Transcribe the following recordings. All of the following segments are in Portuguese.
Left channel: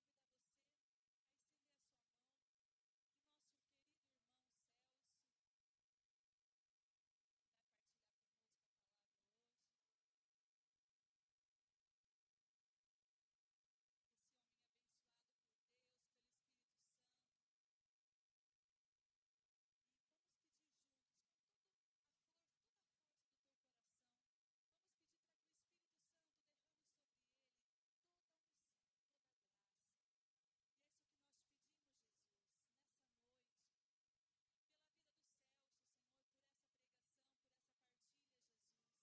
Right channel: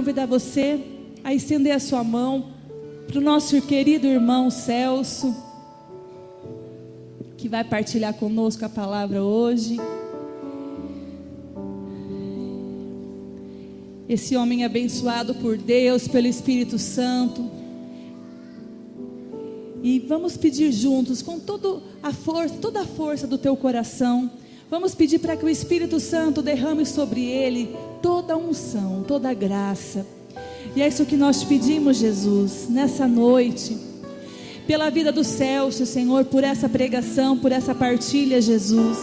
convidar você a estender a sua mão para o nosso querido irmão Celso, que vai partilhar conosco a palavra hoje. Esse homem abençoado por Deus, pelo Espírito Santo. E vamos pedir juntos, com toda a força do teu coração, vamos pedir para que o Espírito Santo derrame sobre ele toda a unção, toda a graça. E é isso que nós te pedimos, Jesus, nessa noite, pela vida do Celso, Senhor, por essa pregação, por essa partilha, Jesus.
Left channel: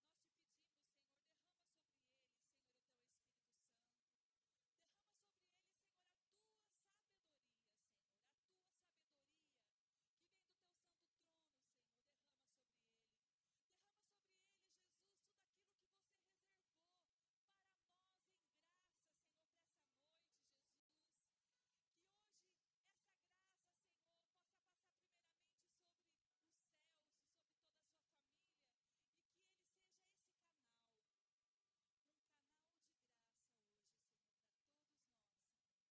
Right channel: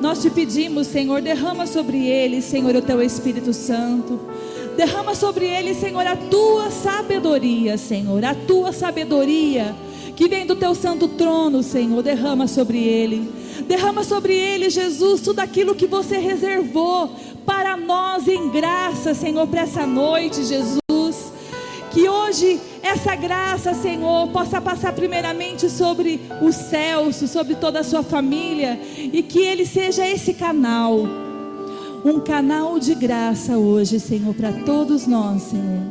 Nós te pedimos, Senhor, derrama sobre ele, Senhor, o teu Espírito Santo. Derrama sobre ele, Senhor, a tua sabedoria, Senhor, a tua sabedoria que vem do teu santo trono, Senhor. Derrama sobre ele. Derrama sobre ele, Jesus, tudo aquilo que você reservou para nós em graça, Senhor, para essa noite, Jesus. Que hoje essa graça, Senhor, possa passar primeiramente sobre o Celso, sobre toda a sua família, e que ele seja esse canal, um canal de graça hoje, Senhor, para todos nós, Senhor.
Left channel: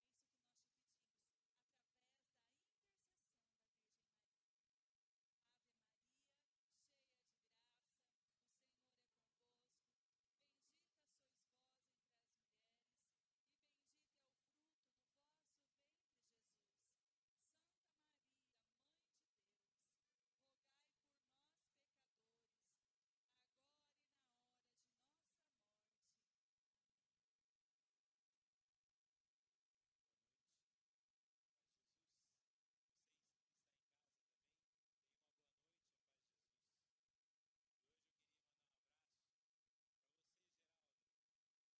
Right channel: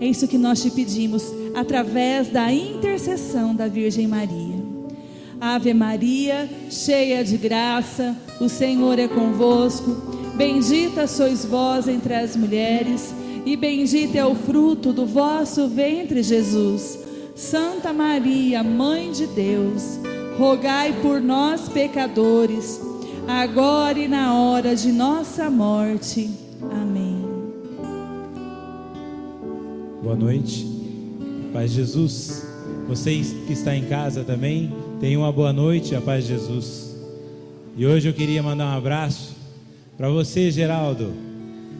É isso que nós te pedimos, através da intercessão da Virgem Maria. Ave Maria, cheia de graça, o Senhor é convosco. Bendita sois vós entre as mulheres, e bendito é o fruto do vosso ventre, Jesus. Santa Maria, Mãe de Deus, rogai por nós, pecadores, agora e na hora de nossa morte. Amém. Boa noite, paz de Jesus. Vocês que estão em casa também, tenham uma boa noite, a paz de Jesus. E hoje eu queria mandar um abraço para você, Geraldo.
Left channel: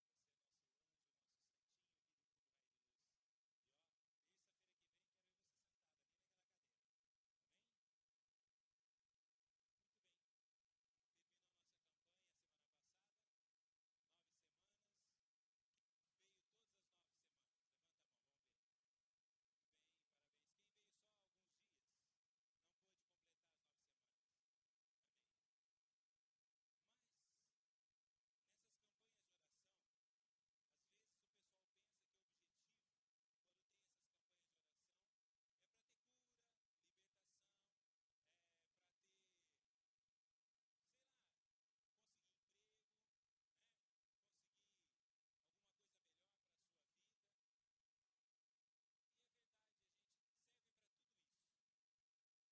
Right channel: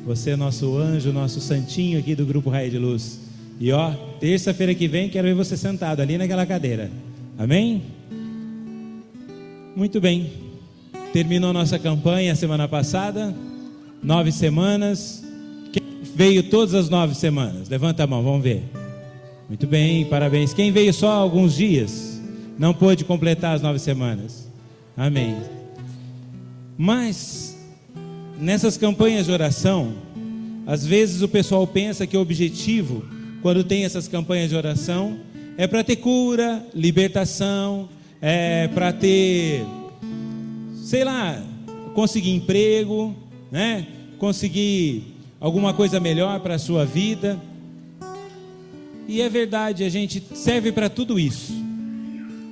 Você é nosso anjo, nosso santinho aqui do Grupo Raio de Luz. E ó, terça-feira que vem quero ver você sentado ali naquela cadeira. Amém? Muito bem. Terminou nossa campanha semana passada. 9 semanas. Quem veio todas as 9 semanas? Levanta a mão, vamos ver. Muito bem, parabéns. Quem veio só alguns dias? Não pôde completar as 9 semanas. Amém. Mas nessas campanhas de oração, às vezes o pessoal pensa que o objetivo, quando tem essas campanhas de oração, é para ter cura, libertação, é para ter, sei lá, conseguir emprego, né? Conseguir alguma coisa melhor para a sua vida. E é verdade, a gente serve para tudo isso,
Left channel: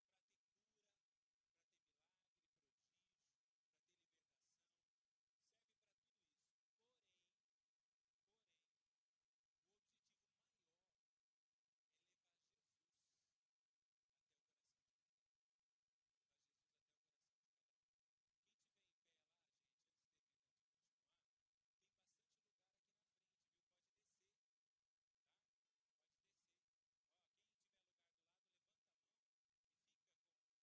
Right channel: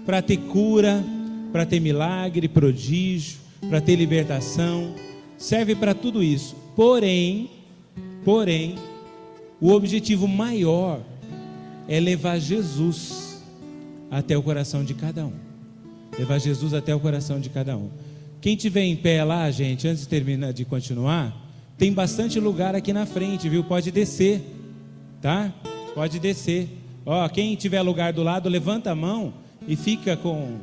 para ter cura, para ter milagre, prodígio, para ter libertação. Serve para tudo isso, porém, o objetivo maior é levar Jesus até o coração de cada um. Levar Jesus até o coração de cada um. Quem tiver em pé lá, gente, antes de continuar, tem bastante lugar aqui na frente, viu? Pode descer, tá? Pode descer. Ó, quem tiver lugar do lado, levanta a mão e fica com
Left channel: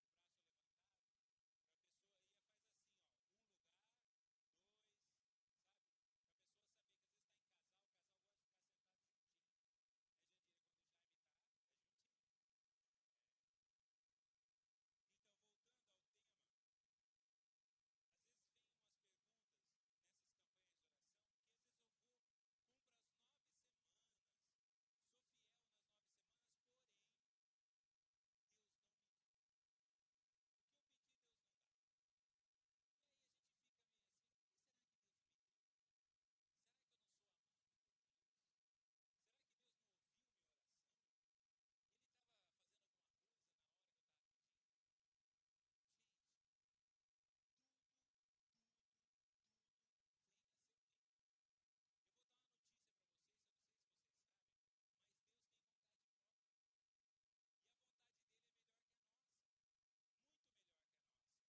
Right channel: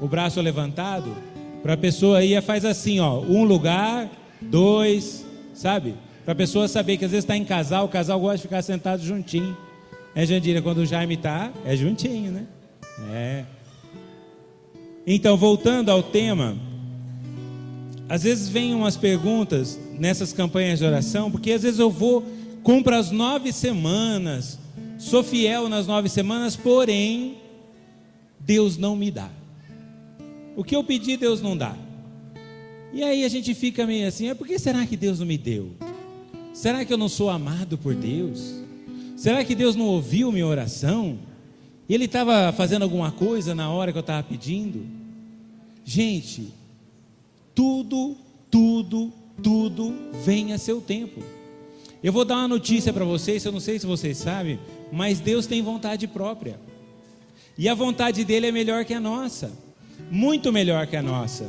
o braço levantado. Para a pessoa aí, faz assim, ó, um lugar, 2, sabe? Para a pessoa saber que às vezes está em casal, o casal gosta de ficar sentado juntinho. Jandira, quando o Jaime está, é juntinho, né? É. Então, voltando ao tema, às vezes vem umas perguntas nessas campanhas de oração, porque às vezes eu cumpro as 9 semanas, sou fiel nas 9 semanas, porém, Deus não me dá. O que eu pedi, Deus não dá. E aí a gente fica meio assim, por que será que Deus não me deu? Será que eu não sou amado por Deus? Será que Deus não ouviu minha oração? E Ele estava fazendo alguma coisa na hora que eu estava pedindo? Gente, tudo vem a seu tempo. Eu vou dar uma notícia para vocês, eu não sei se vocês sabem, mas Deus tem vontade própria. E a vontade dele é melhor que a nossa. Muito melhor que a nossa.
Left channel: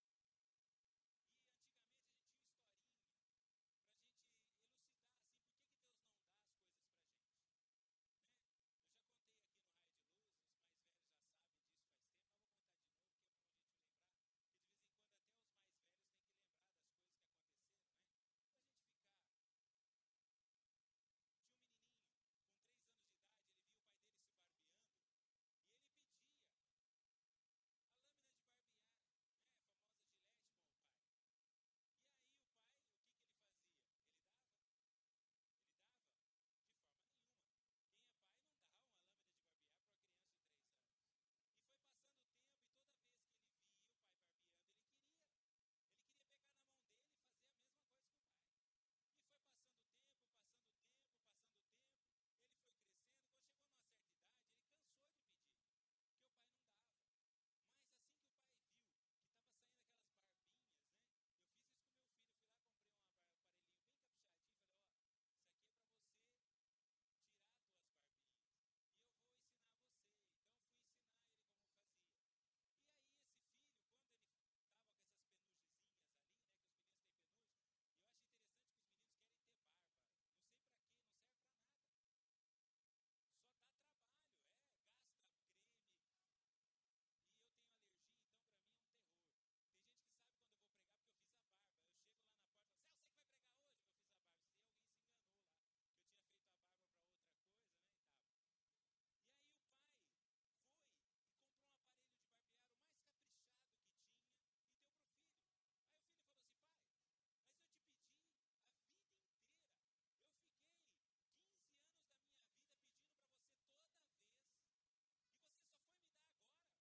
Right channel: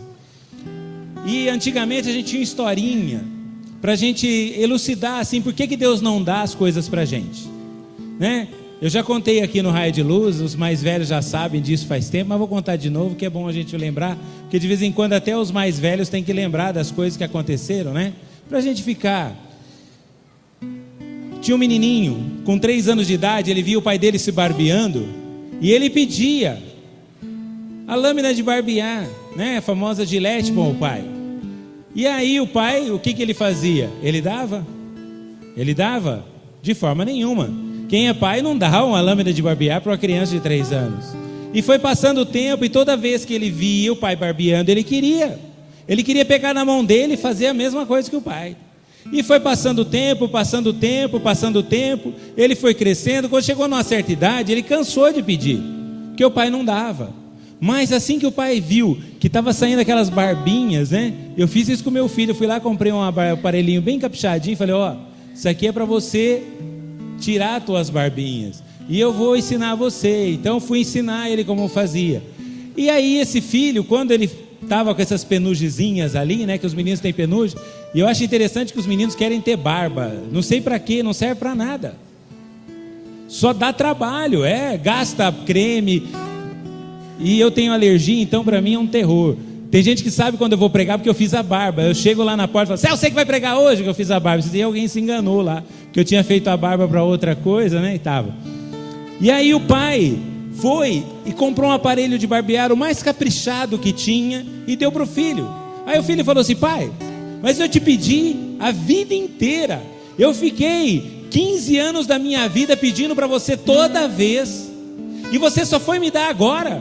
E antigamente a gente tinha uma historinha para a gente elucidar assim, por que Deus não dá as coisas para a gente, né? Eu já contei aqui no Raio de Luz, os mais velhos já sabem disso faz tempo, mas vou contar de novo, que é bom a gente lembrar, porque de vez em quando até os mais velhos têm que lembrar das coisas que aconteceram, né? Para a gente ficar. Tinha um menininho, com 3 anos de idade, ele via o pai dele se barbeando, e ele pedia a lâmina de barbear, né? A famosa Gillette para o pai. E aí o pai, o que ele fazia? Ele dava? De forma nenhuma. Quem é pai não dá uma lâmina de barbear para uma criança de 3 anos. E foi passando o tempo, e toda vez que ele via o pai barbeando, ele queria pegar na mão dele e fazer a mesma coisa que o pai. E foi passando o tempo, ele foi crescendo. Quando chegou numa certa idade, ele cansou de pedir, porque o pai não dava. Mas assim que o pai viu que estava saindo aquelas barbinhas, né? Eu fiz isso com meu filho, eu fui lá, comprei um aparelhinho bem caprichadinho, falei, isso aqui é para você tirar as tuas barbinhas, e eu vou ensinar você. Então fui ensinar ele como fazia. E aí esse filho, quando ele estava com essas penugezinhas ali, né, que os meninos têm penugem, e eu acho interessante que os meninos querem ter barba, não sei para quê, não serve para nada, só dá trabalho, gasta creme, e eu tenho alergia, então para mim é um terror. Tem gente que sabe quando eu vou pregar porque eu fiz a barba. Eu chego lá na porta e falo, você que vai pregar hoje? Que eu fiz a barba. E alguém se enganou lá, que eu tinha feito a barba para outra coisa, né? E aí o pai foi e comprou um aparelho de barbear, o mais caprichado que tinha, e deu para o filho. Aí o filho falou assim, pai, mas eu te pedi a vida inteira. Eu fiquei 15 anos da minha vida pedindo para você toda vez, e você só foi me dar agora.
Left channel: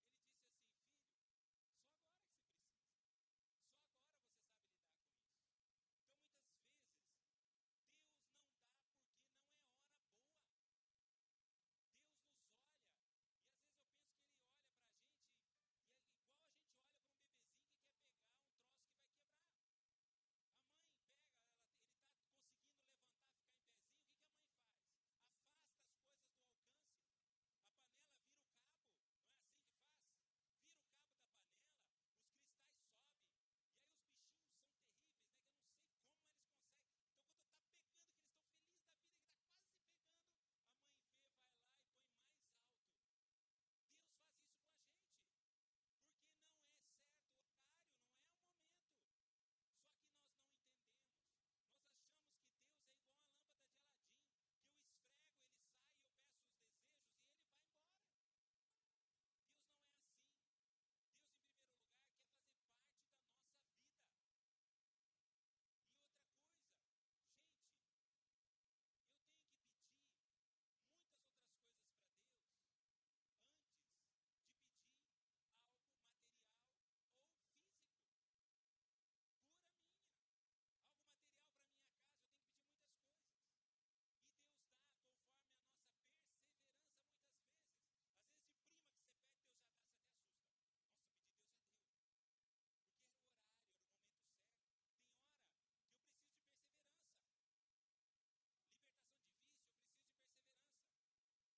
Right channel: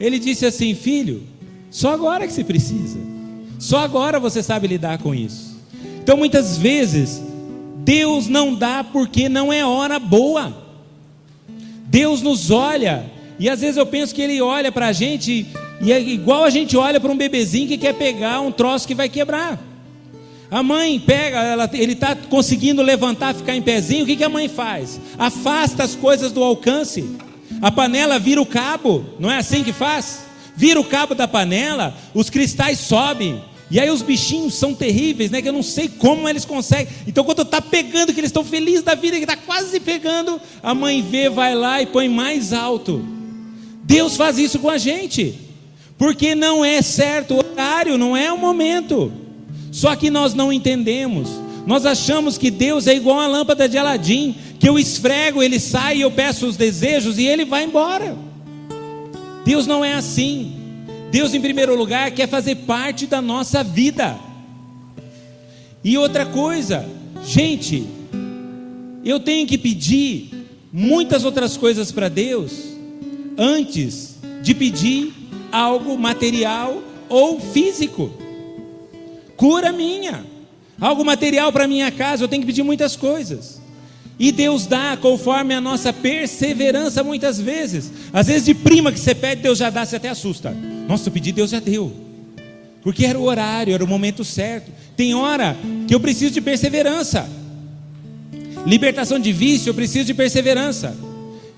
Ele disse assim, filho, só agora que se precisa, só agora você sabe lidar com isso. Então muitas vezes Deus não dá porque não é hora boa. Deus nos olha, e às vezes eu penso que Ele olha para a gente, e é igual a gente olha para um bebezinho que quer pegar um troço que vai quebrar. A mãe pega, ele está conseguindo levantar, ficar em pezinho, o que a mãe faz? Afasta as coisas do alcance. A panela vira o cabo, não é assim que faz? Vira o cabo da panela, os cristais sobem, e aí os bichinhos são terríveis, né? Que eu não sei como eles conseguem. Então quando está pegando, que eles estão felizes da vida, que está quase pegando, a mãe vê, vai lá e põe mais alto. Deus faz isso com a gente, porque não é certo o horário, não é o momento. Só que nós não entendemos. Nós achamos que Deus é igual a lâmpada de Aladim, que eu esfrego, ele sai, eu peço os desejos e ele vai embora. Deus não é assim. Deus, em primeiro lugar, quer fazer parte da nossa vida. E outra coisa, gente, eu tenho que pedir muitas outras coisas para Deus antes de pedir algo material ou físico. Cura minha, algo material para minha casa, eu tenho que pedir muitas coisas. E Deus dá conforme a nossa perseverança muitas vezes. Às vezes de prima que você pede, Deus já dá, você até assusta. Nossa, eu pedi, Deus já deu. Porque era o horário, era o momento certo. Tem hora que eu preciso de perseverança. Libertação de vício, eu preciso de perseverança.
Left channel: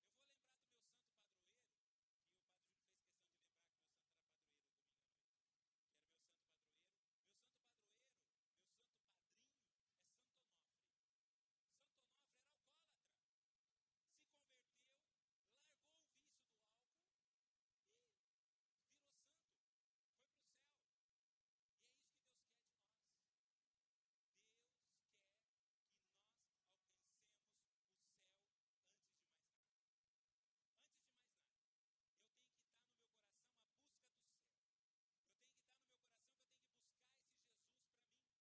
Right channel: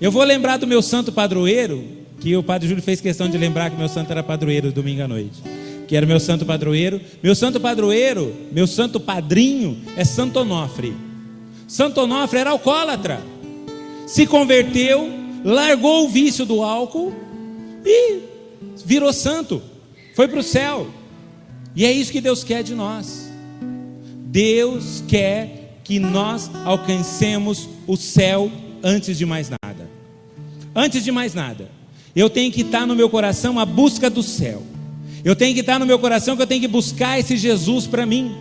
Eu vou lembrar do meu santo padroeiro, que o padre Júlio fez questão de lembrar que meu santo era padroeiro domingo à noite. Que era o meu santo padroeiro. Meu santo padroeiro, meu santo padrinho é Santo Onofre. Santo Onofre era alcoólatra, se converteu, largou o vício do álcool e virou santo, foi para o céu. E é isso que Deus quer de nós. Deus quer que nós alcancemos o céu antes de mais nada. Antes de mais nada, eu tenho que estar no meu coração a busca do céu. Eu tenho que estar no meu coração que eu tenho que buscar esse Jesus para mim.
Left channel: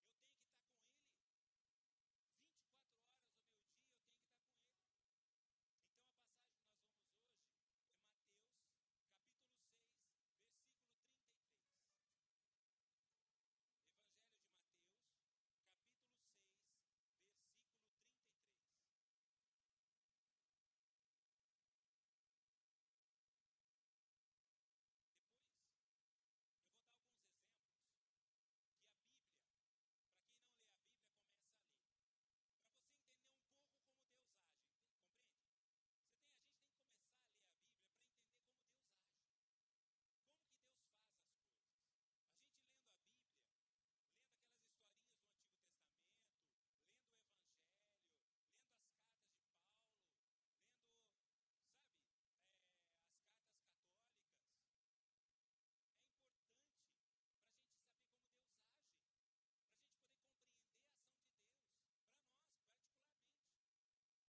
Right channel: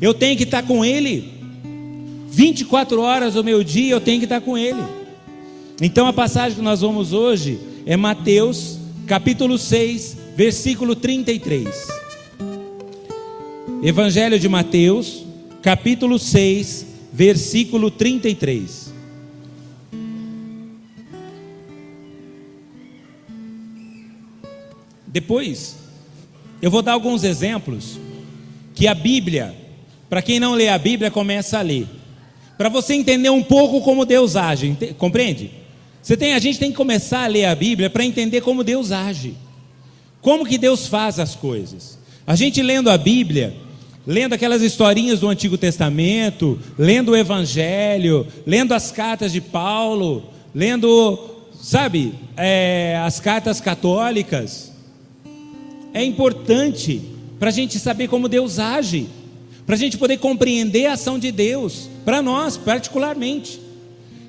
Eu tenho que estar com Ele 24 horas do meu dia, eu tenho que estar com Ele. Então a passagem que nós vamos hoje é Mateus capítulo 6, versículo 33. Evangelho de Mateus capítulo 6, versículo 33. Depois eu vou dar alguns exemplos que a Bíblia, para quem não lê a Bíblia, começa a ler, para você entender um pouco como Deus age, compreende? A gente tem que começar a ler a Bíblia para entender como Deus age, como que Deus faz as coisas. A gente lendo a Bíblia, lendo aquelas historinhas do Antigo Testamento, lendo o Evangelho, lendo as cartas de Paulo, lendo, as cartas católicas, é importante para a gente saber como Deus age, para a gente poder compreender a ação de Deus, para nós particularmente.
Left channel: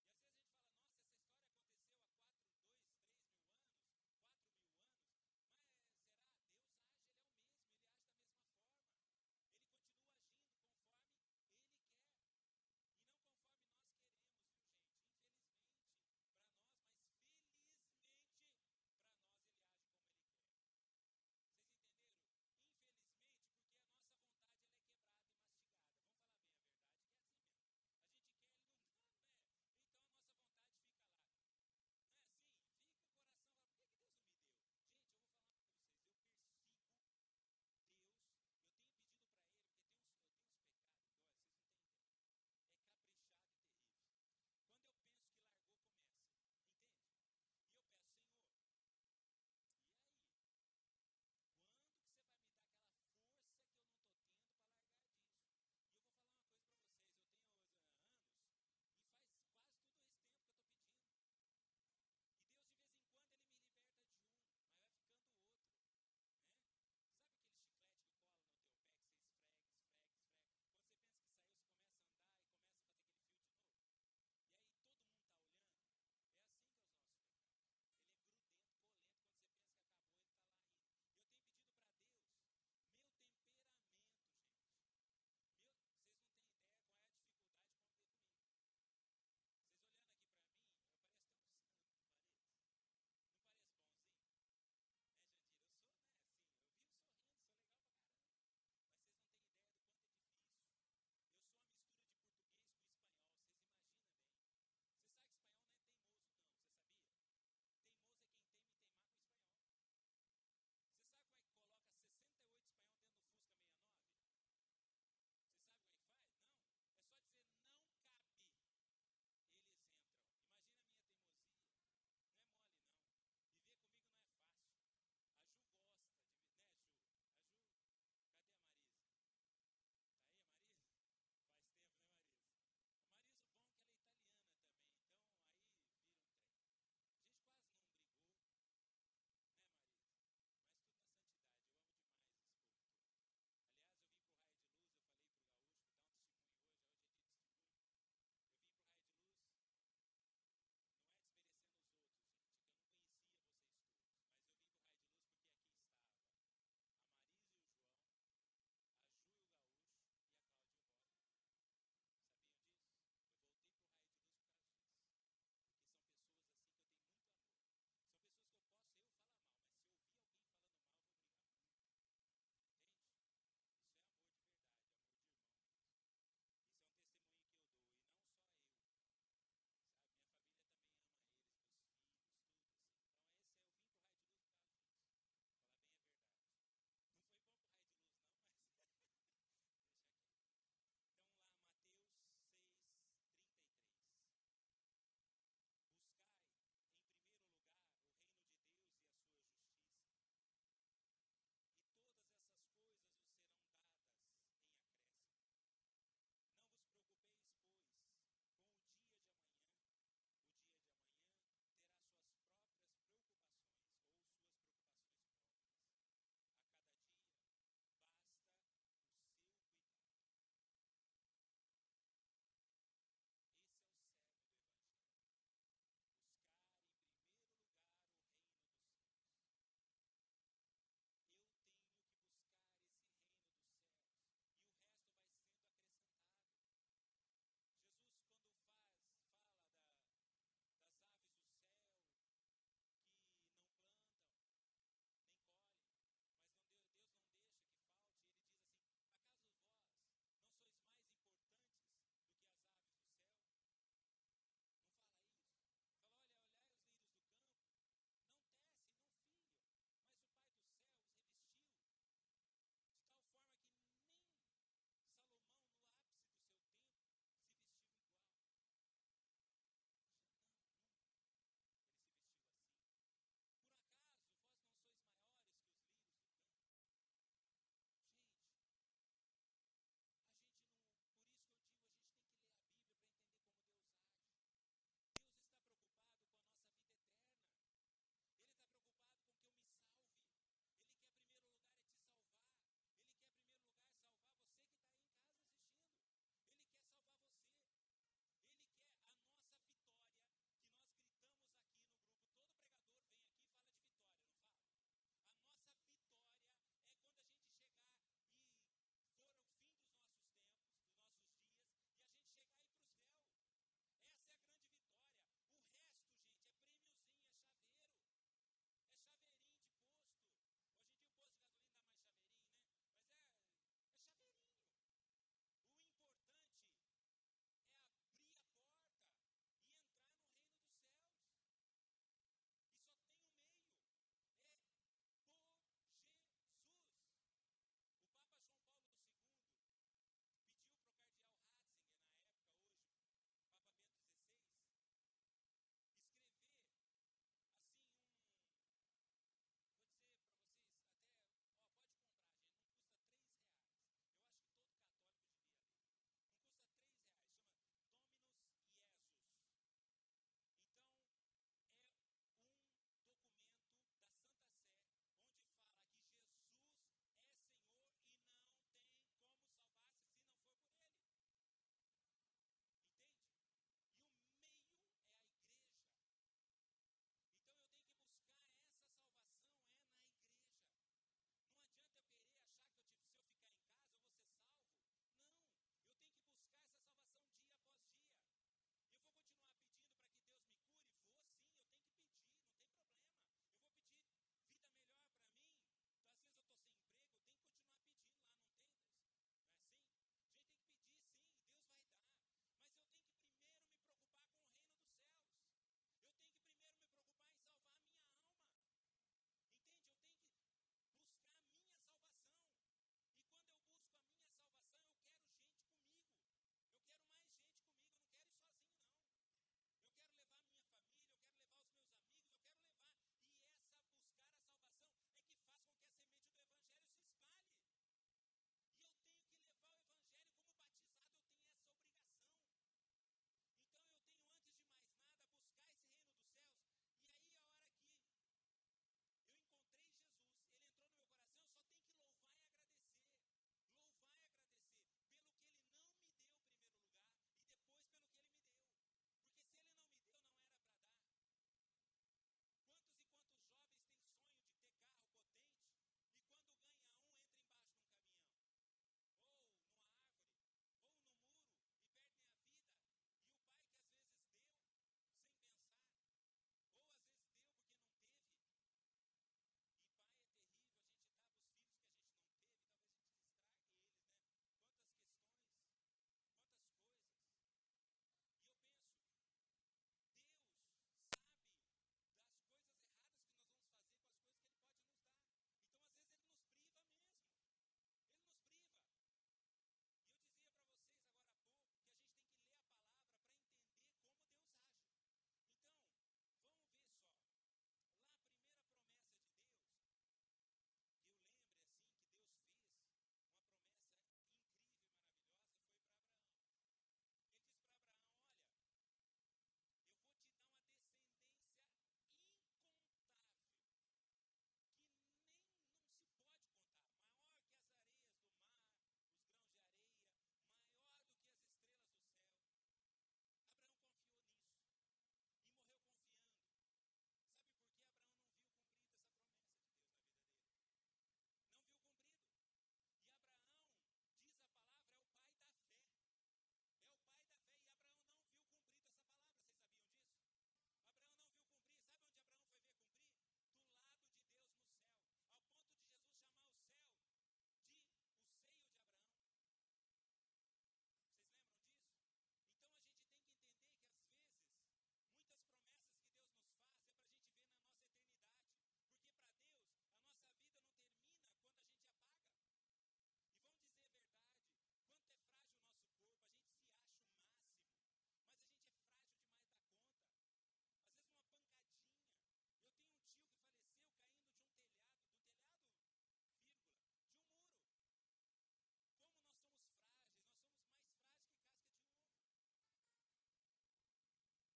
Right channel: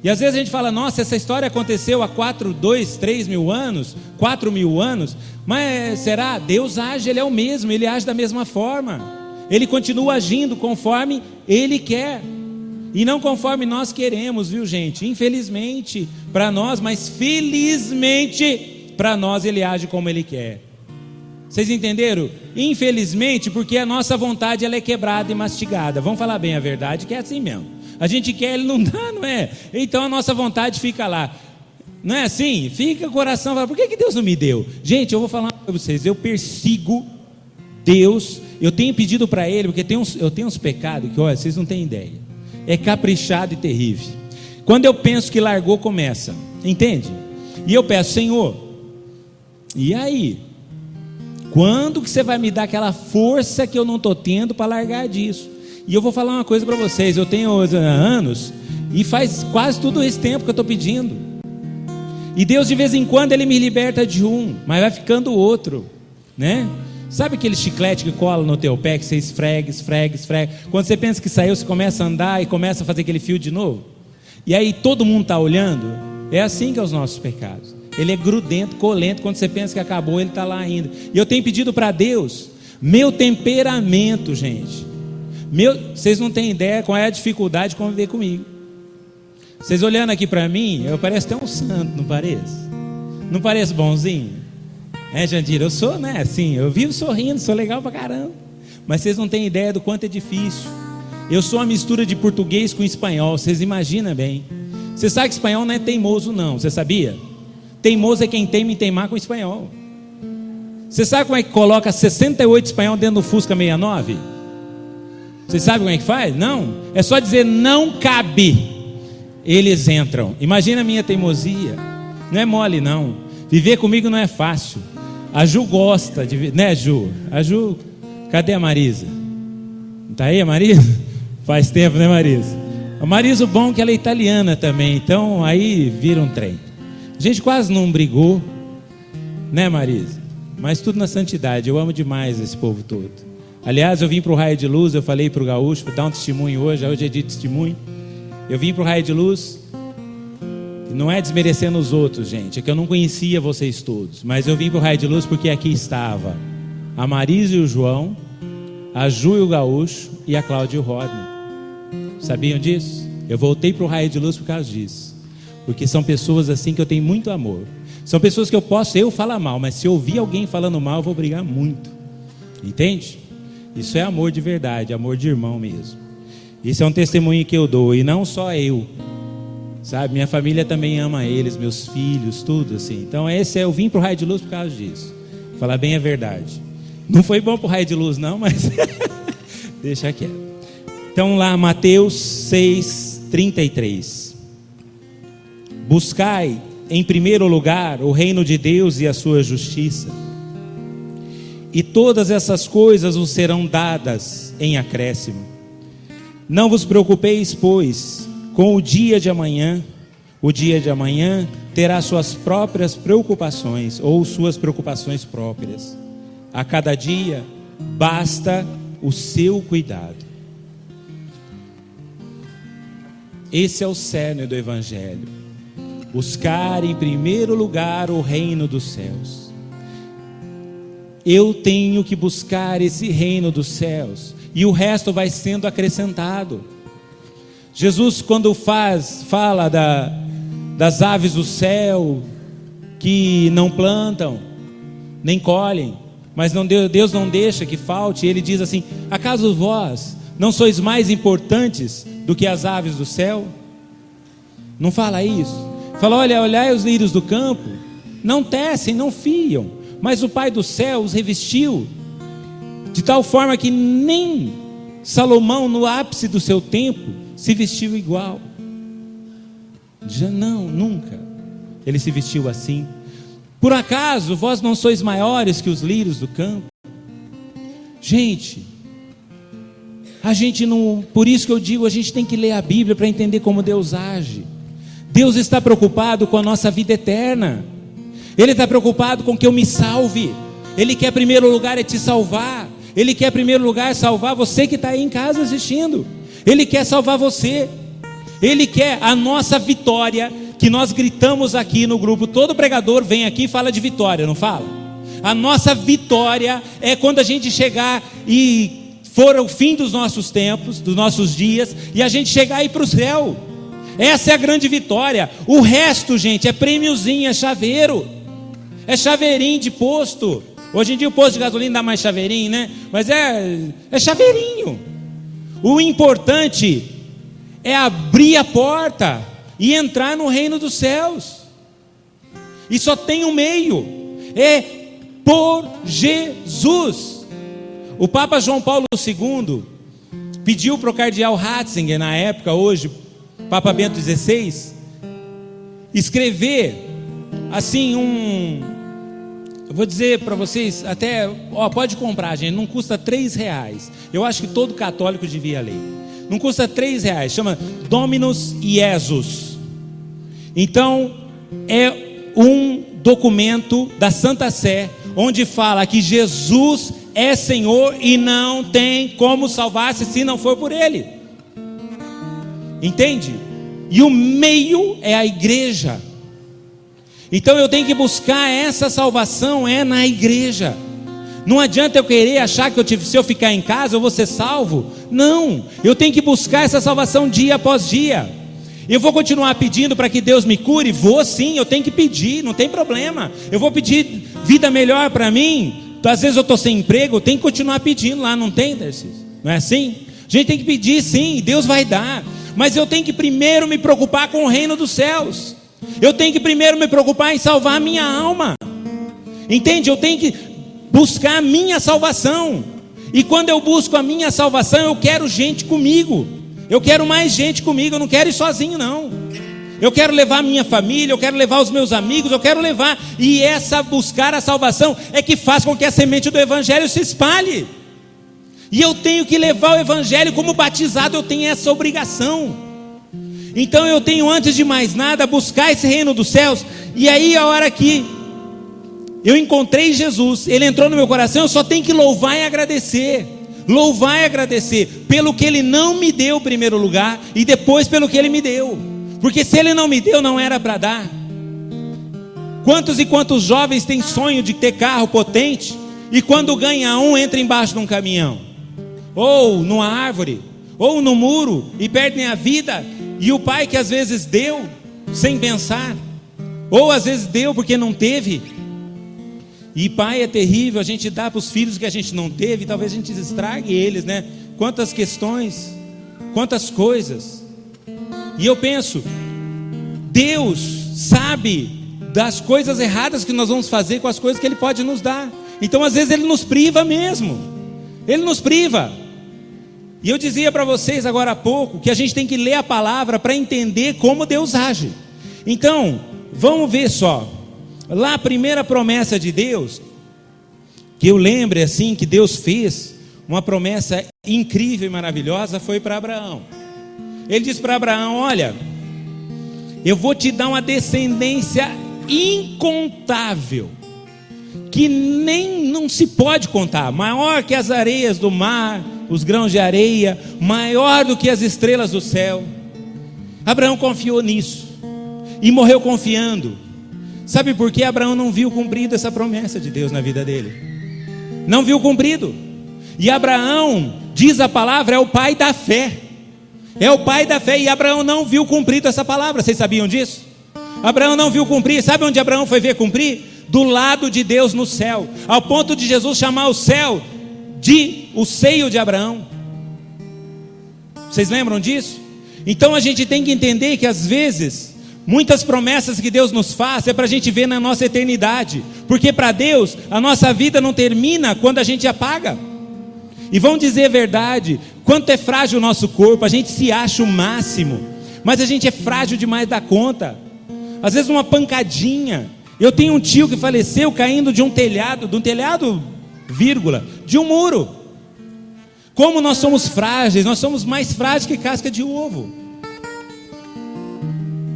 E às vezes a gente fala, nossa, essa história aconteceu há 3 mil anos, 4 mil anos, mas será? Deus age, Ele é o mesmo, Ele age da mesma forma, Ele continua agindo conforme Ele quer. E não conforme nós queremos, viu, gente? Infelizmente para nós, mas felizmente para nós Ele age como Ele quer. Vocês entenderam? Infelizmente, porque a nossa vontade ela é quebrada e mastigada. Vamos falar bem a verdade, que é assim mesmo. A gente quer, Ele não dá, não é? Então a nossa vontade fica lá. Não é assim? Fica o coração, fala, por que Deus não me deu? Gente, eu vou falar para vocês, eu persigo Deus, eu tenho pedido para Ele, porque eu tenho uns pecados que, olha, vocês não têm ideia. É caprichado e terrível. Quando eu penso que largou, começa. Entende? E eu peço, Senhor, e aí? Quando que você vai me dar aquela força que eu não estou tendo para largar disso? E eu vou falar uma coisa para vocês, eu tenho anos e faz quase todo esse tempo que eu estou pedindo. E Deus de vez em quando Ele me liberta de um, mas vai ficando outro, né? Sabe aquele chiclete que cola no teu pé, que você esfrega. Quando você pensa que saiu, você começa a andar e começa a fazer aquele fio de novo. E aí todo mundo está olhando. É assim que é os nossos pecados. Ele é grudento, colento. Quando você pensa que acabou, ele está lá ainda. E eu tenho pedido para Deus, meu temperamento, gente. Vocês não têm ideia qual é a dificuldade de conviver comigo. Vocês olhando aqui para mim, eu pareço até um santo, não pareço? Não pareço bonzinho? Jandira, eu sou, né, assim, eu vivo sorrindo, sou legal pra caramba. Mas vocês não têm ideia do quanto é difícil. Eu sou uma mistura de português com espanhol, vocês imaginam bem. Você sabe que espanhol não é teimoso não, você sabia? Teimoso é quem teima em teimar com espanhol. Você sabe como é que coloca 68 espanhol dentro do Fusca 69? Você sabe como é que faz? Não, é só dizer não cabe. Eles entram. Imagina a minha teimosia. Não é mole não. Viver comigo não é fácil. A Ju gosta de, né, Ju? A Ju, cadê a Marisa? Tá aí a Marisa? Faz tempo, né, Marisa? A Marisa, o bom é que ela é italiana também, então aí vira um trem. A gente quase não brigou, né, Marisa? Mas tudo na santidade. Eu amo demais esse povo todo. Aliás, eu vim para o Raio de Luz, eu falei para o Gaúcho, vou dar um testemunho hoje é dia de testemunho. Eu vim para o Raio de Luz. Não é desmerecendo os outros, gente, é que eu não conhecia vocês todos, mas eu vim para o Raio de Luz porque aqui estava a Marisa e o João, a Ju e o Gaúcho e a Cláudia e o Rodney. Sabiam disso? Eu voltei para o Raio de Luz por causa disso, porque são pessoas assim que eu tenho muito amor. São pessoas que eu falar mal, mas se eu ouvir alguém falando mal, eu vou brigar muito. Entende? Isso é amor de verdade, amor de irmão mesmo. Isso é um testemunho que eu dou, e não só eu. Sabe, minha família também ama eles, meus filhos, tudo assim. Então eu vim para o Raio de Luz por causa disso. Falar bem a verdade. Não foi bom para o Raio de Luz não, mas deixa quieto. Então lá, Mateus 6:33. Buscai em primeiro lugar o reino de Deus e a sua justiça, e todas essas coisas vos serão dadas em acréscimo. Não vos preocupeis, pois, com o dia de amanhã terá suas próprias preocupações, ou suas preocupações próprias. A cada dia basta o seu cuidado. Esse é o cerne do Evangelho. Buscar em primeiro lugar o reino dos céus. Eu tenho que buscar esse reino dos céus, e o resto vai sendo acrescentado. Jesus, quando fala das aves do céu, que não plantam, nem colhem, mas Deus não deixa que falte, Ele diz assim: acaso vós não sois mais importantes do que as aves do céu? Não fala isso? Fala, olhai os lírios do campo, não tecem, não fiam, mas o Pai do céu os revestiu, de tal forma que nem Salomão, no ápice do seu tempo, se vestiu igual. Já não, nunca ele se vestiu assim. Por acaso vós não sois maiores que os lírios do campo? Gente, a gente não, por isso que eu digo, a gente tem que ler a Bíblia para entender como Deus age. Deus está preocupado com a nossa vida eterna. Ele está preocupado com que eu me salve. Ele quer, em primeiro lugar, te salvar. Ele quer, em primeiro lugar, salvar você que está aí em casa assistindo. Ele quer salvar você. Ele quer a nossa vitória, que nós gritamos aqui no grupo. Todo pregador vem aqui e fala de vitória, não fala? A nossa vitória é quando a gente chegar e for o fim dos nossos tempos, dos nossos dias, e a gente chegar aí para o céu. Essa é a grande vitória. O resto, gente, é prêmiozinho, é chaveiro, é chaveirinho de posto. Hoje em dia o posto de gasolina dá mais chaveirinho, né? Mas é chaveirinho. O importante é abrir a porta e entrar no reino dos céus. E só tem um meio, é por Jesus. O Papa João Paulo II pediu para o cardeal Ratzinger, na época, hoje Papa Bento XVI, escrever assim eu vou dizer para vocês, até, pode comprar, gente, não custa R$3. Eu acho que todo católico devia ler. Não custa R$3, chama Dominus Iesus. Então, é um documento da Santa Sé, onde fala que Jesus é Senhor e não tem como salvar-se se não for por Ele. Entende? E o meio é a igreja. Então eu tenho que buscar essa salvação na igreja. Não adianta eu querer achar que se eu ficar em casa eu vou ser salvo. Não, eu tenho que buscar essa salvação dia após dia. Eu vou continuar pedindo para que Deus me cure? Vou sim, eu tenho que pedir, não tem problema. Eu vou pedir vida melhor para mim. Às vezes eu estou sem emprego, eu tenho que continuar pedindo lá, não tem, Darcy? Não é assim? A gente tem que pedir sim, Deus vai dar. Mas eu tenho que primeiro me preocupar com o reino dos céus. Eu tenho que primeiro me preocupar em salvar a minha alma. Entende? Eu tenho que buscar a minha salvação. E quando eu busco a minha salvação, eu quero gente comigo. Eu quero mais gente comigo, eu não quero ir sozinho não. Eu quero levar a minha família, eu quero levar os meus amigos, eu quero levar. E buscar a salvação é que faz com que a semente do evangelho se espalhe. E eu tenho que levar o evangelho, como batizado eu tenho essa obrigação. Então eu tenho, antes de mais nada, buscar esse reino dos céus. E aí a hora que eu encontrei Jesus, Ele entrou no meu coração, eu só tenho que louvar e agradecer. Louvar e agradecer pelo que Ele não me deu em primeiro lugar, e depois pelo que Ele me deu. Porque se Ele não me deu, não era para dar. Quantos e quantos jovens têm sonho de ter carro potente, e quando ganha entra embaixo de um caminhão, ou numa árvore, ou no muro, e perdem a vida. E o pai que às vezes deu sem pensar, ou às vezes deu porque não teve. E pai é terrível, a gente dá para os filhos que a gente não teve, talvez a gente estrague eles, né? Quantas questões, quantas coisas. E eu penso, Deus sabe das coisas erradas que nós vamos fazer com as coisas que Ele pode nos dar. Então às vezes Ele nos priva mesmo, Ele nos priva. E eu dizia para vocês agora há pouco que a gente tem que ler a palavra para entender como Deus age. Então, vamos ver só. Lá a primeira promessa de Deus, que eu lembre assim, que Deus fez, uma promessa incrível e maravilhosa, foi para Abraão. Ele disse para Abraão: olha, eu vou te dar uma descendência incontável, que nem não se pode contar, maior que as areias do mar, os grãos de areia, maior do que as estrelas do céu. Abraão confiou nisso e morreu confiando. Sabe por que Abraão não viu cumprido essa promessa de Deus na vida dele? Não viu cumprido. E Abraão, diz a palavra, é o pai da fé. É o pai da fé. E Abraão não viu cumprido essa palavra. Vocês sabiam disso? Abraão não viu cumprir. Sabe onde Abraão foi ver cumprir? Do lado de Deus no céu, ao ponto de Jesus chamar o céu de o seio de Abraão. Vocês lembram disso? Então a gente tem que entender que às vezes muitas promessas que Deus nos faz é para a gente ver na nossa eternidade, porque para Deus a nossa vida não termina quando a gente apaga. E vamos dizer a verdade, quanto é frágil o nosso corpo. A gente se acha o máximo, mas a gente é frágil demais da conta. Às vezes uma pancadinha. Eu tenho um tio que faleceu caindo de um telhado, vírgula, de um muro. Como nós somos frágeis, nós somos mais frágeis que casca de ovo.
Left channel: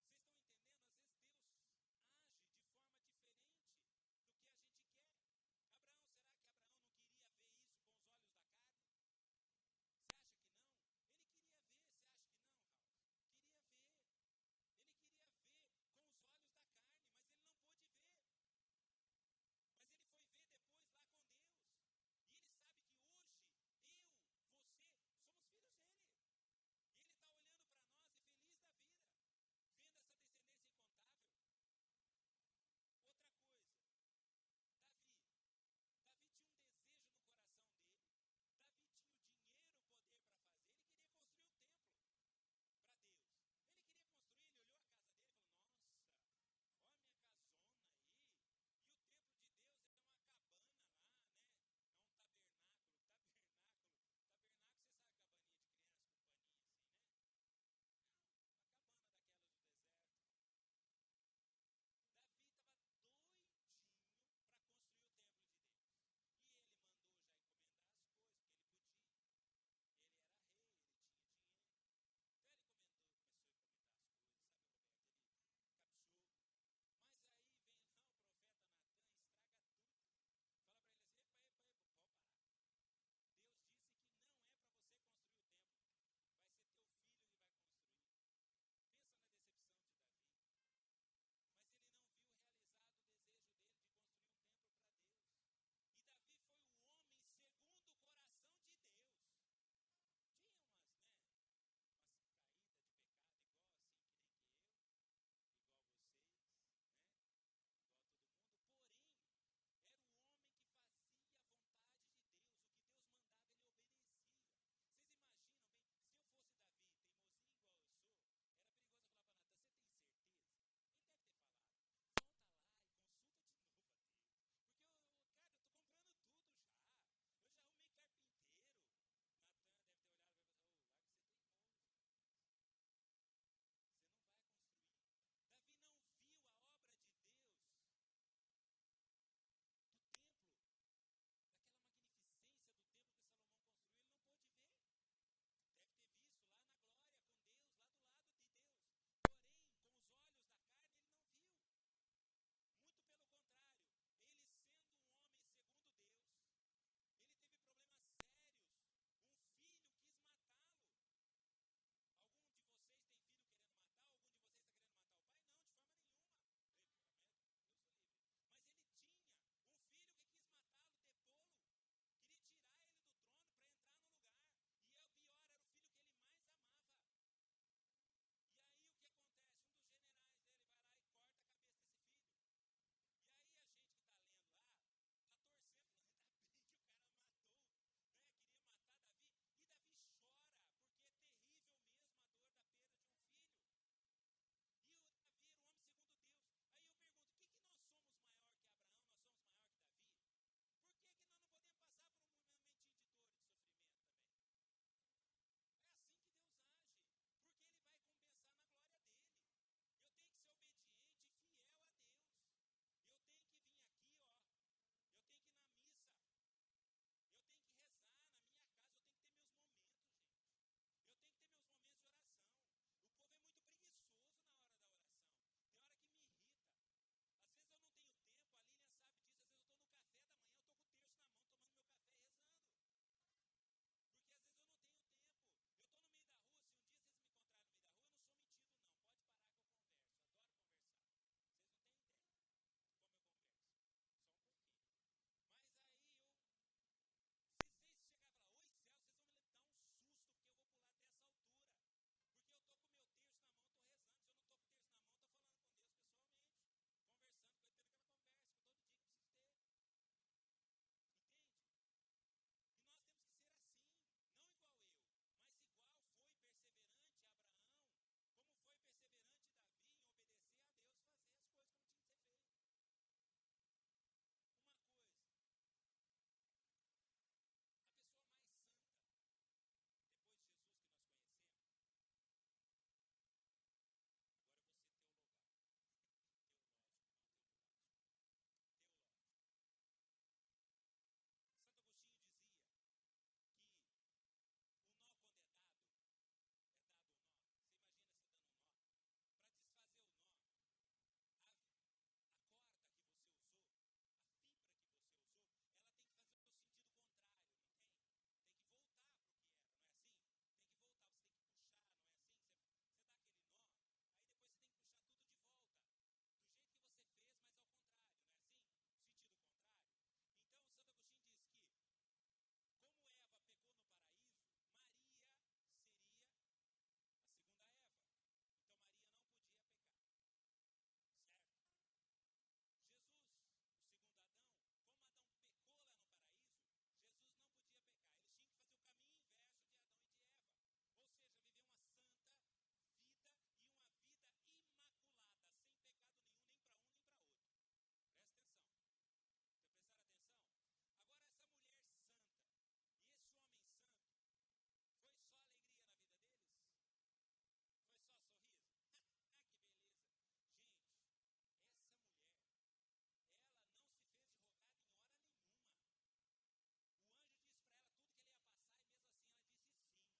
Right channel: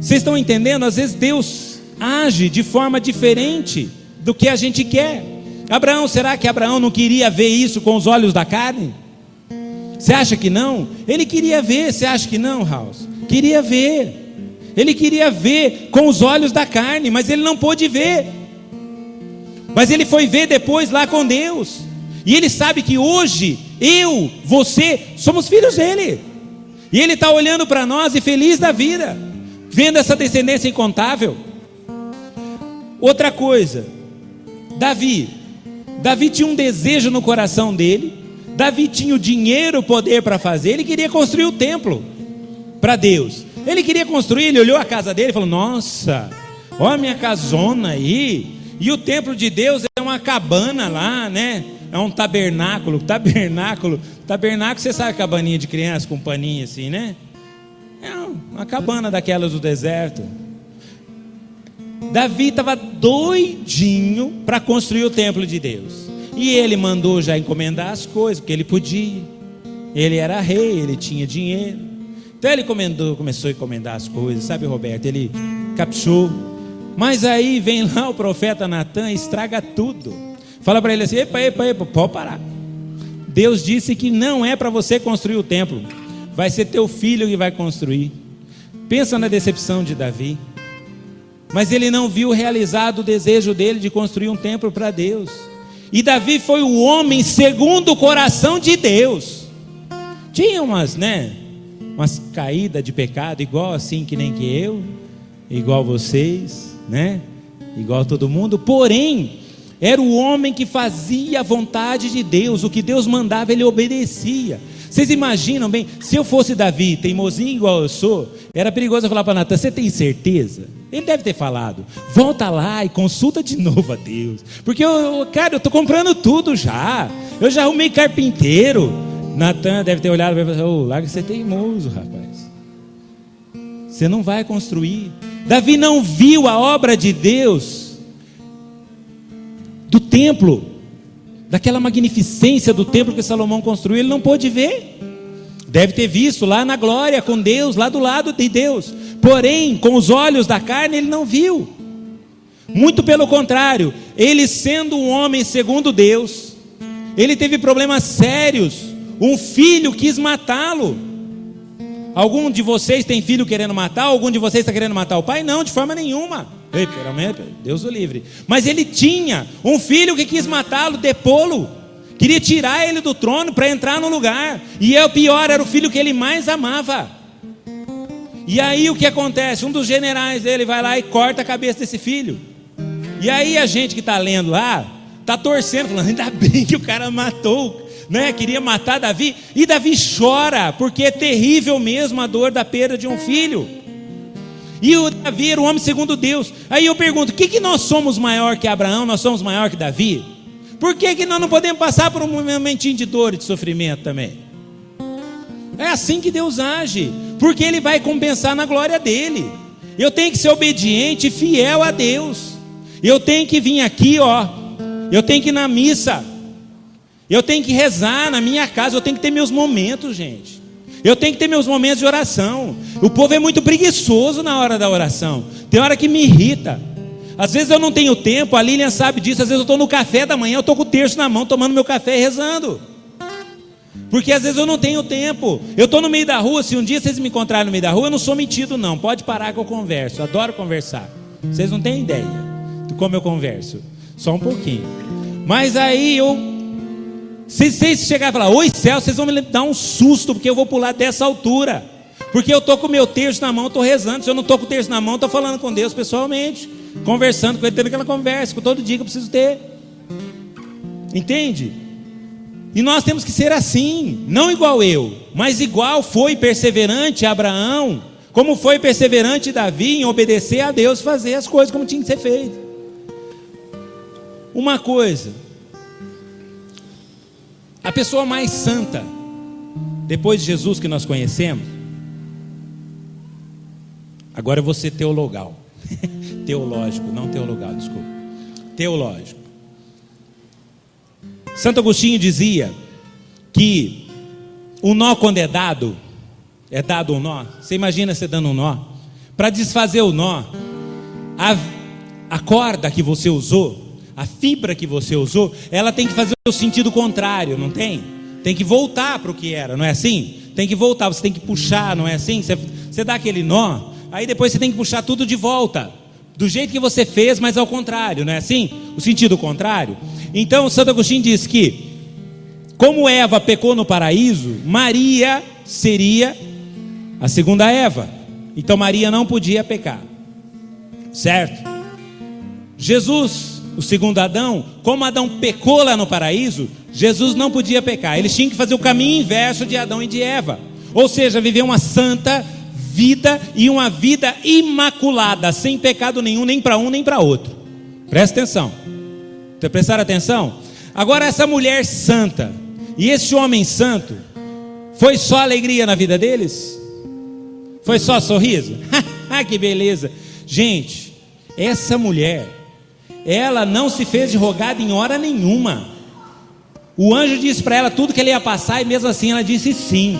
Vocês estão entendendo? Às vezes Deus age de forma diferente do que a gente quer. Abraão, será que Abraão não queria ver isso com os olhos da carne? Você acha que não? Ele queria ver. Você acha que não, House? Queria ver. Ele queria ver com os olhos da carne, mas ele não pôde ver. Mas ele foi ver depois lá com Deus. E Ele sabe que hoje, eu, você, somos filhos dEle. E Ele está olhando para nós e feliz da vida, vendo essa descendência incontável. Outra coisa, Davi tinha um desejo no coração dele. Davi tinha o dinheiro, o poder para fazer. Ele queria construir o templo para Deus. Ele queria construir, ele olhou a casa dele e falou: nossa, olha a minha casona aí. E o templo de Deus é uma cabana lá, né? É um tabernáculo, você sabe, cabaninha de criança com paninho assim, né? É uma cabana daquelas do deserto. Davi estava doidinho para construir o templo de Deus. E ele mandou já encomendar as coisas, porque ele podia. Ele era rei, ele tinha dinheiro. Então ele começou a encomendar as coisas, sabe, Roberto? Ele caprichou. Mas aí vem lá o profeta Natan e estraga tudo. Fala para ele assim: epa, pode parar. Deus disse que não é para você construir o templo, vai ser teu filho que vai construir. Pensa na decepção de Davi. Mas ele não viu realizado o desejo dele de construir um templo para Deus. E Davi foi o homem segundo o coração de Deus. Tinha umas caídas de pecado, igual assim que nem que eu, igual vocês, né? Igual todo mundo. Porém, era o homem que fazia a vontade de Deus. O que Deus mandava, ele obedecia. Vocês imaginam bem, se eu fosse Davi, teimosinho igual eu sou, era perigoso eu falar para Natan: você tem certeza? Ele deve ter falado: volta lá e consulta de novo a Deus, porque eu estou comprando tudo já, eu já arrumei carpinteiro. Natan deve ter olhado e falado: larga de ser teimoso, rapaz, você não vai construir. Davi não viu a obra de Deus, do templo, daquela magnificência do templo que Salomão construiu. Ele não pôde ver. Deve ter visto lá na glória com Deus, lá do lado de Deus, porém com os olhos da carne ele não viu. Muito pelo contrário, ele sendo um homem segundo Deus, ele teve problemas sérios. Um filho quis matá-lo. Algum de vocês tem filho querendo matar? Algum de vocês está querendo matar o pai? Não, de forma nenhuma. Deus o livre. Mas ele tinha um filho que quis matá-lo, depô-lo, queria tirar ele do trono para entrar no lugar. E o pior, era o filho que ele mais amava. E aí o que acontece? Um dos generais dele vai lá e corta a cabeça desse filho. E aí a gente que está lendo lá está torcendo, falando: ainda bem que o cara matou, né? Queria matar Davi. E Davi chora, porque é terrível mesmo a dor da perda de um filho. E o Davi era um homem segundo Deus. Aí eu pergunto: o que nós somos maior que Abraão? Nós somos maior que Davi? Por que nós não podemos passar por um momentinho de dor e de sofrimento também? É assim que Deus age, porque Ele vai compensar na glória dEle. Eu tenho que ser obediente e fiel a Deus. Eu tenho que vir aqui, eu tenho que ir na missa, eu tenho que rezar na minha casa, eu tenho que ter meus momentos, gente. Eu tenho que ter meus momentos de oração. O povo é muito preguiçoso na hora da oração. Tem hora que me irrita. Às vezes eu não tenho tempo, a Lilian sabe disso. Às vezes eu estou no café da manhã, eu estou com o terço na mão, tomando meu café e rezando. Porque às vezes eu não tenho tempo. Eu estou no meio da rua, se um dia vocês me encontrarem no meio da rua, eu não sou metido não, pode parar que eu converso, eu adoro conversar. Vocês não têm ideia de como eu converso, só um pouquinho. Mas aí se vocês chegarem e falar: oi céu, vocês vão me dar um susto, porque eu vou pular dessa altura. Porque eu estou com o meu terço na mão, estou rezando. Se eu não estou com o terço na mão, estou falando com Deus pessoalmente, conversando com Ele, tendo aquela conversa, com todo dia que eu preciso ter. Entende? E nós temos que ser assim, não igual eu, mas igual foi perseverante Abraão, como foi perseverante Davi em obedecer a Deus, fazer as coisas como tinha que ser feito. Uma coisa, a pessoa mais santa depois de Jesus que nós conhecemos, agora eu vou ser teologal, teológico, não teologal, desculpa, teológico. Santo Agostinho dizia que o nó, quando é dado um nó. Você imagina você dando um nó? Para desfazer o nó, a corda que você usou, a fibra que você usou, ela tem que fazer o sentido contrário, não tem? Tem que voltar para o que era, não é assim? Tem que voltar, você tem que puxar, não é assim? Você dá aquele nó, aí depois você tem que puxar tudo de volta, do jeito que você fez, mas ao contrário, não é assim? O sentido contrário. Então Santo Agostinho diz que Como Eva pecou no paraíso, Maria seria a segunda Eva. Então Maria não podia pecar, certo? Jesus, o segundo Adão, como Adão pecou lá no paraíso, Jesus não podia pecar. Eles tinham que fazer o caminho inverso de Adão e de Eva, ou seja, viver uma santa vida e uma vida imaculada, sem pecado nenhum, nem para um nem para outro. Presta atenção. Prestaram atenção? Agora, essa mulher santa e esse homem santo, foi só alegria na vida deles? Foi só sorriso? Que beleza! Gente, essa mulher, ela não se fez de rogada em hora nenhuma. O anjo disse para ela tudo que ele ia passar, e mesmo assim ela disse sim.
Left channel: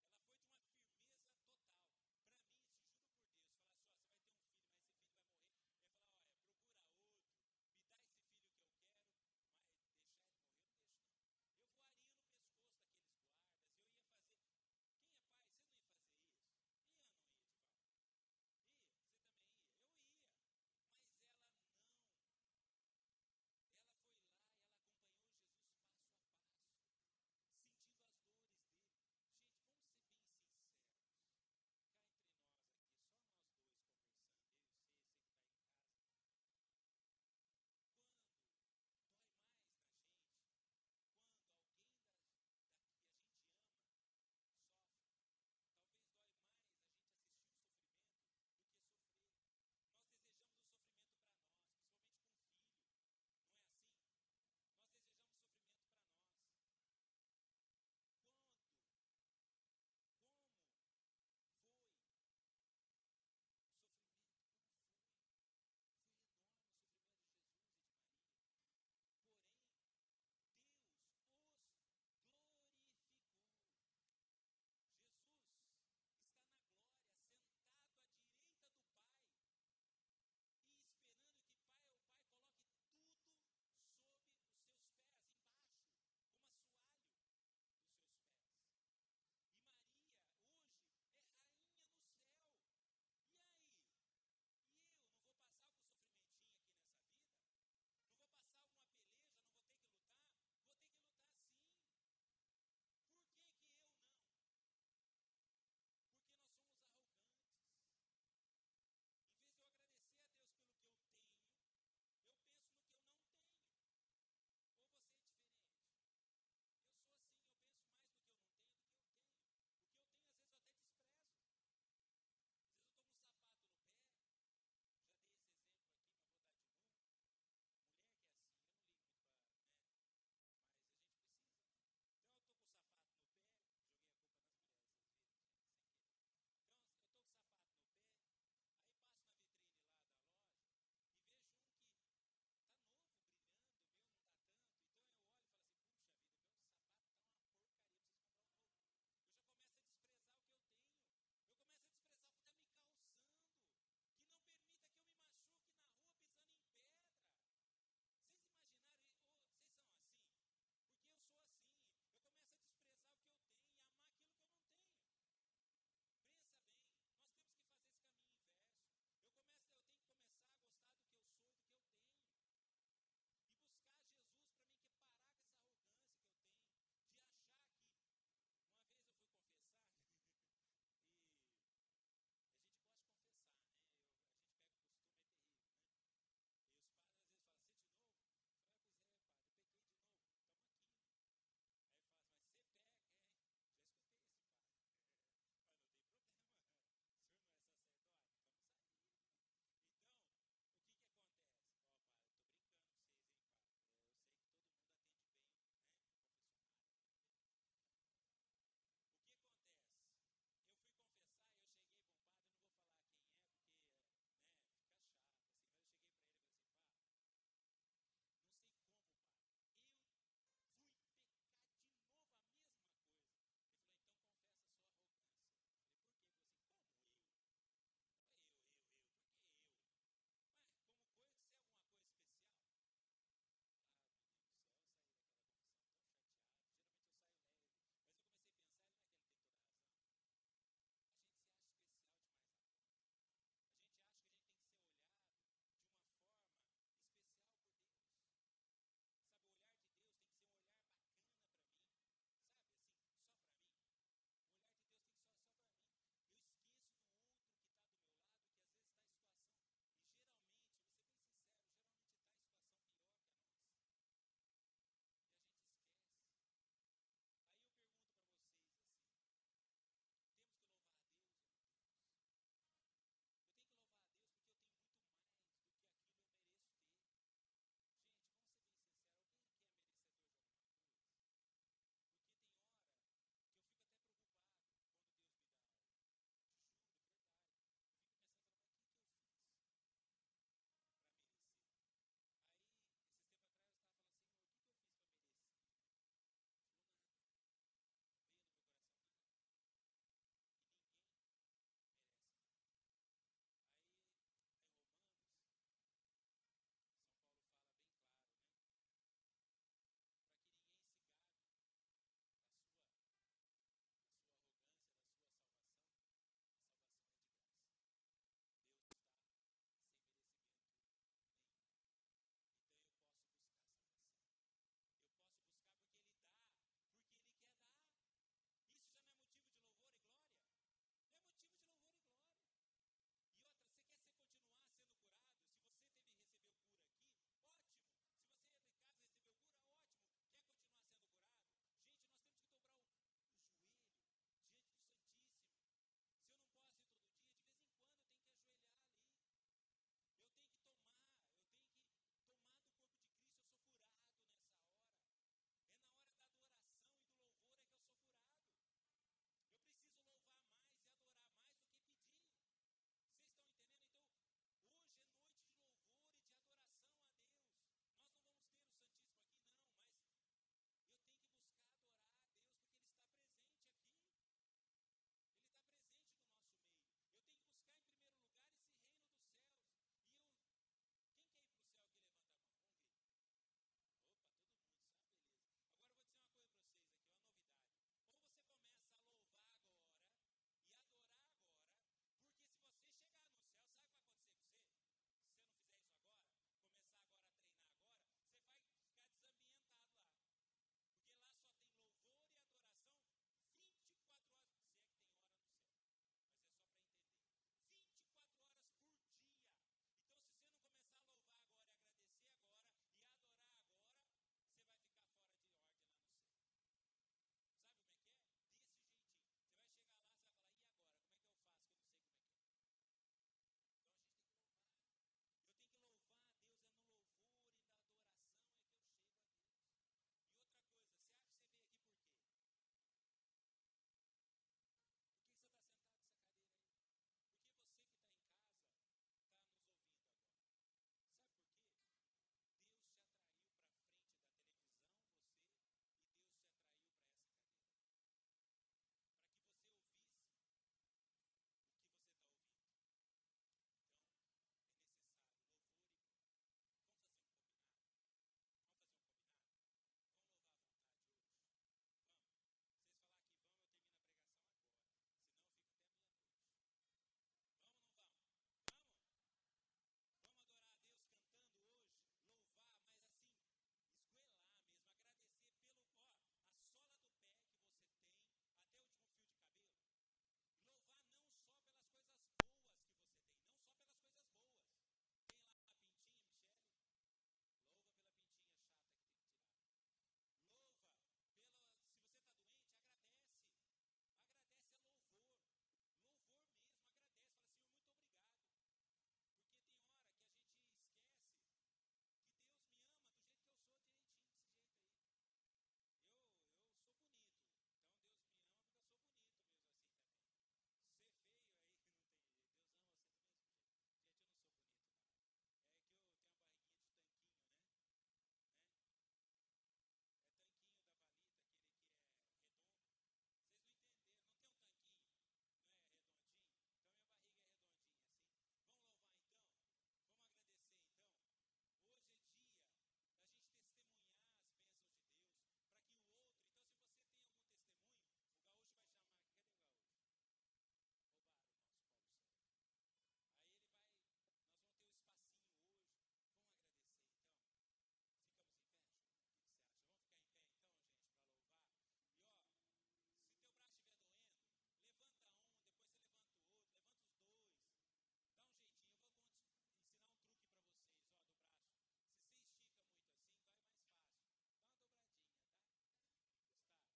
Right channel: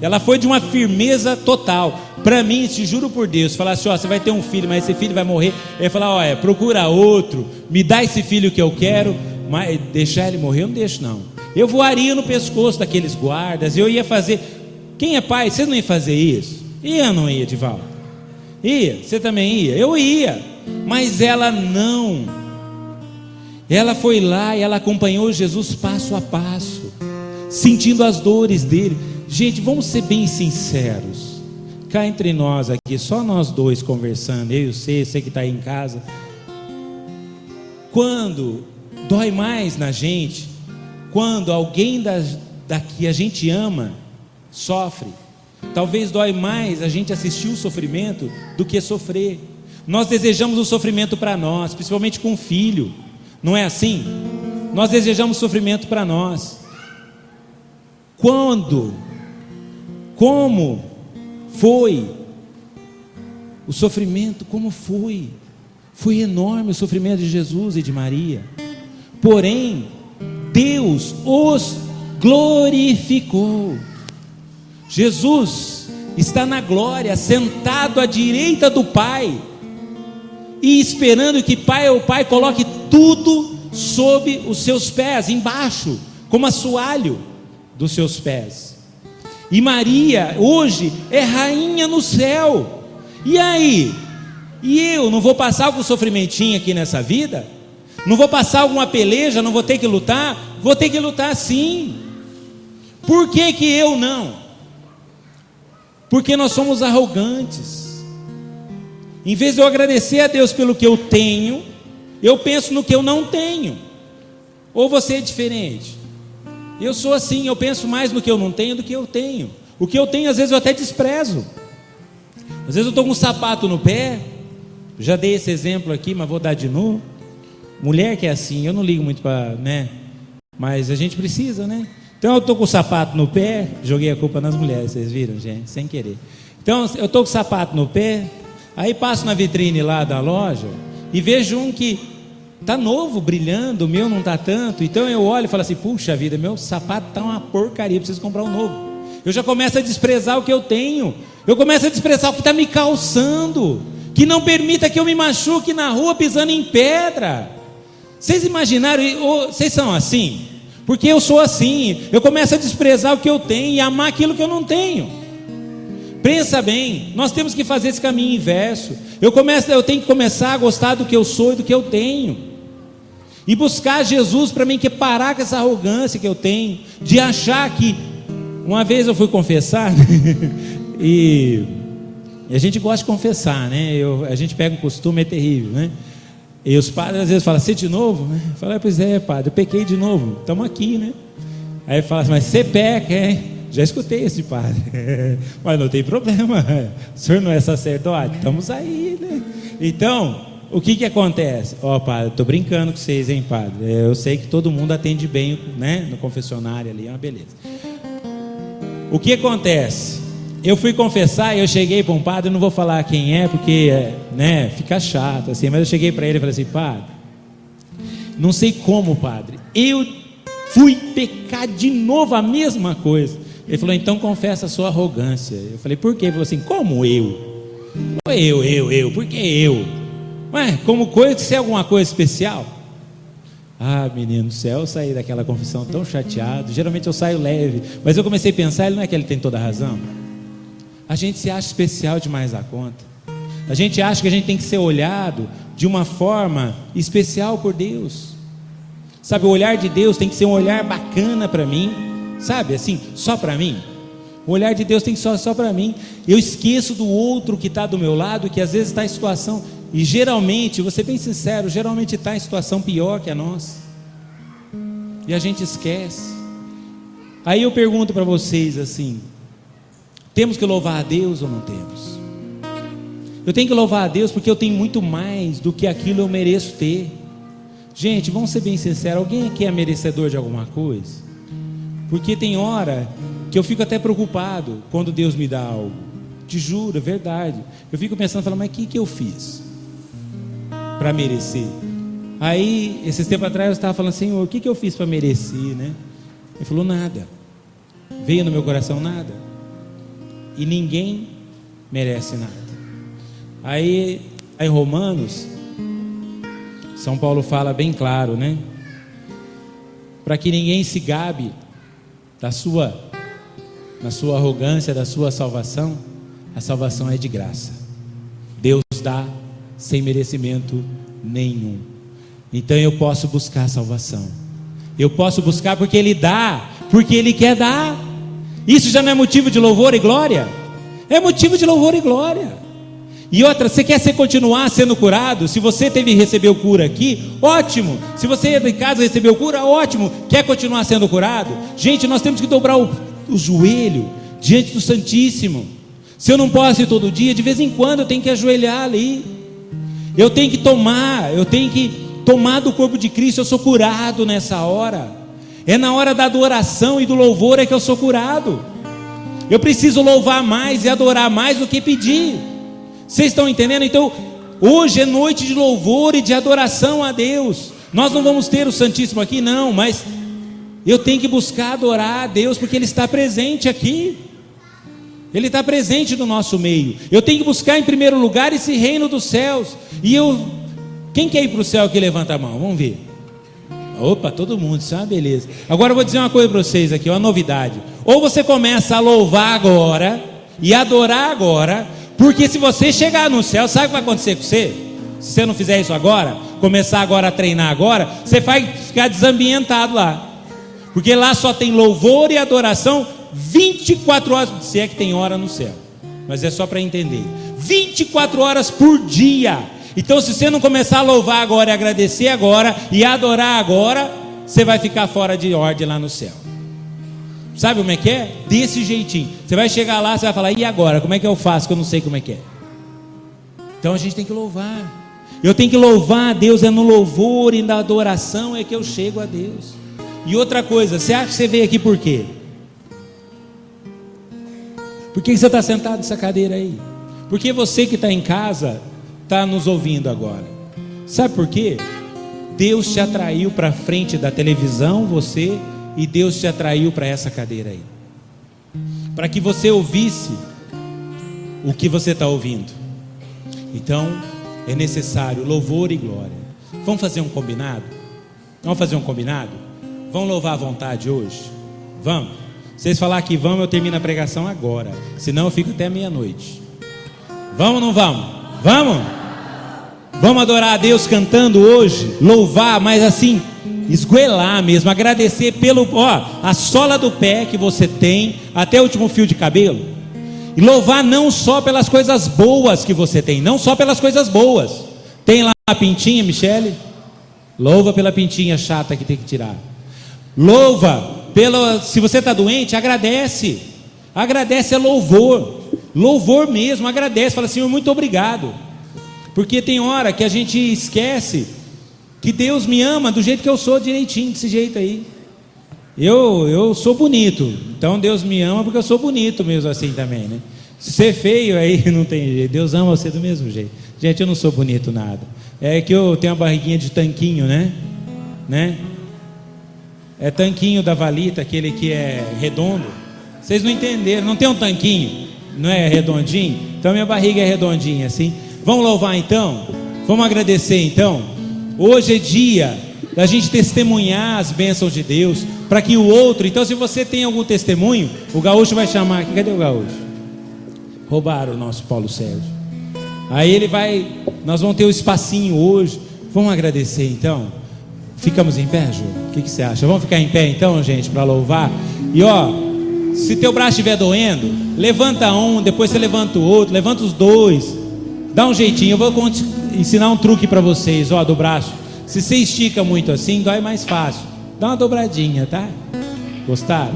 Ela foi de uma firmeza total. Para mim, te juro por Deus, falar assim, ó, você vai ter um filho, mas esse filho vai morrer. Ele ia falar, ó, procura outro, me dá esse filho que eu quero, mas deixar ele morrer eu não deixo não. Eu voaria no pescoço daqueles guardas, eu ia fazer. Quem é pai, vocês não iam fazer isso? Ia ou não ia, Divaldo? Ia, você também ia? Eu ia, mas ela não. Ela foi lá e ela acompanhou Jesus passo a passo, sentindo as dores dele. Gente, vamos ser bem sinceros. Cá entre nós aqui, só nós dois conversando, eu e você que está aí em casa. Quando dói mais na gente, quando alguém daqui a gente ama, sofre. Talvez dói mais a gente assistir o sofrimento do que sofrer. Nós desejamos o sofrimento para nós, principalmente com o filho. Não é assim? Nós desejamos sofrimento para nós. Quando? Como foi o sofrimento? Como foi? Foi enorme o sofrimento de Jesus e de Maria. Porém, Deus os glorificou. Jesus está na glória, sentado à direita do Pai, e esperando que o Pai coloque tudo sob os seus pés, embaixo, como assoalho dos seus pés. E Maria hoje é rainha no céu. E aí? E eu não vou passar algum sofrimentinho aqui nessa vida? Não vou passar alguma peleja? Não vou ter que lutar? Vou ter que lutar sim. Por que que eu não? Porque nós somos arrogantes. Em vez de eu agradecer a Deus pelo que eu tenho, eu penso no que eu não tenho. Ou você é diferente? Eu sou assim, eu penso mais no que eu não tenho do que eu tenho. O que eu tenho às vezes eu até desprezo. Às vezes eu estou com um sapato no pé. Já dei esse exemplo aqui, mas vou dar de novo. Mulher que é assim, eu não ligo muito para, né? Mas a gente precisa, né? Então eu estou com o sapato no pé. Joguei a culpa nas mulheres, vocês viram, gente? Sem querer. Então eu estou com o sapato no pé. Aí passo na vitrine lá da loja e vejo um que está novo, brilhando. O meu não está tanto. Então eu olho e falo assim, puxa vida, meu sapato está uma porcaria, preciso comprar um novo. Eu já começo a desprezar o que eu tenho. Eu começo a desprezar o que está me calçando, que não permita que eu me machuque na rua pisando em pedra. Vocês imaginaram? Vocês são assim? Porque eu sou assim. Eu começo a desprezar o que eu tenho e amar aquilo que eu não tenho. Pensa bem, nós temos que fazer esse caminho inverso. Eu tenho que começar a gostar do que eu sou e do que eu tenho, e buscar Jesus para mim, que parar com essa arrogância que eu tenho, de achar que... Uma vez eu fui confessar e a gente gosta de confessar, né? A gente pega um costume, é terrível, né? E os padres às vezes falam, você de novo? Eu falo, pois é, padre, eu pequei de novo, estamos aqui, né? Aí fala assim, mas você peca, hein? Já escutei esse padre. Mas não tem problema, o senhor não é sacerdote? Estamos aí, né? Então, o que acontece? Padre, estou brincando com vocês, hein, padre? Eu sei que todo mundo atende bem, né? No confessionário ali, é uma beleza. O que acontece? Eu fui confessar e eu cheguei para um padre, não vou falar quem é, porque, né, fica chato assim, mas eu cheguei para ele e falei assim, padre, não sei como, padre, eu fui pecar de novo a mesma coisa. Ele falou, então confessa a sua arrogância. Eu falei, por quê? Ele falou assim, como eu? Por que eu? Ué, como coisa, se é alguma coisa especial? Ah, menino do céu, eu saí daquela confissão tão chateado. Geralmente eu saio leve, mas eu comecei a pensar, ele não é que ele tem toda a razão? A gente se acha especial demais da conta. A gente acha que a gente tem que ser olhado de uma forma especial por Deus. Sabe, o olhar de Deus tem que ser um olhar bacana para mim, sabe, assim, só para mim. O olhar de Deus tem que ser só para mim. Eu esqueço do outro que está do meu lado, que às vezes está em situação, e geralmente, vou ser bem sincero, geralmente está em situação pior que a nossa, e a gente esquece. Aí eu pergunto para vocês assim: temos que louvar a Deus ou não temos? Eu tenho que louvar a Deus porque eu tenho muito mais do que aquilo eu mereço ter. Gente, vamos ser bem sinceros, alguém aqui é merecedor de alguma coisa? Porque tem hora que eu fico até preocupado quando Deus me dá algo. Te juro, é verdade. Eu fico pensando, falando, mas o que eu fiz para merecer? Aí, esses tempos atrás eu estava falando, Senhor, o que eu fiz para merecer, né? Ele falou, nada. Veio no meu coração nada. E ninguém merece nada. Aí em Romanos, São Paulo fala bem claro, né? Para que ninguém se gabe na sua arrogância, da sua salvação. A salvação é de graça. Deus dá sem merecimento nenhum. Então eu posso buscar a salvação. Eu posso buscar porque Ele dá, porque Ele quer dar. Isso já não é motivo de louvor e glória? É motivo de louvor e glória. E outra, você quer continuar sendo curado? Se você recebeu cura aqui, ótimo. Se você de casa recebeu cura, ótimo. Quer continuar sendo curado? Gente, nós temos que dobrar o joelho diante do Santíssimo. Se eu não posso ir todo dia, de vez em quando eu tenho que ajoelhar ali. Eu tenho que tomar do corpo de Cristo. Eu sou curado nessa hora. É na hora da adoração e do louvor é que eu sou curado. Eu preciso louvar mais e adorar mais do que pedir. Vocês estão entendendo? Então, hoje é noite de louvor e de adoração a Deus. Nós não vamos ter o Santíssimo aqui, não, mas eu tenho que buscar adorar a Deus, porque Ele está presente aqui. Ele está presente no nosso meio. Eu tenho que buscar em primeiro lugar esse reino dos céus. Quem quer ir para o céu aqui, levanta a mão, vamos ver. Opa, todo mundo, isso é uma beleza. Agora eu vou dizer uma coisa para vocês aqui, uma novidade. Ou você começa a louvar agora e adorar agora, porque se você chegar no céu, sabe o que vai acontecer com você? Se você não fizer isso agora, começar agora a treinar agora, você vai ficar desambientado lá. Porque lá só tem louvor e adoração 24 horas, se é que tem hora no céu. Mas é só para entender. 24 horas por dia. Então se você não começar a louvar agora e agradecer agora e adorar agora, você vai ficar fora de ordem lá no céu. Sabe como é que é? Desse jeitinho. Você vai chegar lá, você vai falar, e agora? Como é que eu faço que eu não sei como é que é? Então a gente tem que louvar. Eu tenho que louvar a Deus, é no louvor e na adoração é que eu chego a Deus. E outra coisa, você acha que você veio aqui por quê? Por que você está sentado nessa cadeira aí? Porque você que está em casa está nos ouvindo agora. Sabe por quê? Deus te atraiu para frente da televisão, você, e Deus te atraiu para essa cadeira aí, para que você ouvisse o que você está ouvindo. Então é necessário louvor e glória. Vamos fazer um combinado? Vamos fazer um combinado? Vamos louvar à vontade hoje? Vamos? Vocês falar que vamos, eu termino a pregação agora, senão eu fico até meia-noite. Vamos ou não vamos? Vamos? Vamos adorar a Deus cantando hoje, louvar, mas assim, esgoelar mesmo, agradecer a sola do pé que você tem, até o último fio de cabelo, e louvar não só pelas coisas boas que você tem, não só pelas coisas boas. Tem lá a pintinha, Michele? Louva pela pintinha chata que tem que tirar. Louva se você está doente, agradece, é louvor mesmo, agradece, fala, Senhor, muito obrigado, porque tem hora que a gente esquece que Deus me ama do jeito que eu sou, direitinho, desse jeito aí. Eu sou bonito, então Deus me ama porque eu sou bonito mesmo assim também, né? Se você é feio aí não tem jeito, Deus ama você do mesmo jeito. Gente, eu não sou bonito nada, é que eu tenho uma barriguinha de tanquinho, né? É tanquinho da Valita, aquele que é redondo. Vocês não entenderam, não tem um tanquinho, não é redondinho? Então minha barriga é redondinha assim. Vamos louvar então? Vamos agradecer então? Hoje é dia da gente testemunhar as bênçãos de Deus, para que o outro, então se você tem algum testemunho, o Gaúcho vai chamar aqui, cadê o Gaúcho? Roubaram o nosso Paulo Sérgio. Aí nós vamos ter um espacinho hoje, vamos agradecer então? Ficamos em pé, Ju? O que você acha? Vamos ficar em pé então, gente, para louvar? E ó, se teu braço estiver doendo, levanta um, depois você levanta o outro, levanta os dois, dá um jeitinho. Eu vou ensinar um truque para vocês, ó, do braço. Se você estica muito assim, dói mais fácil. Dá uma dobradinha, tá? Gostaram?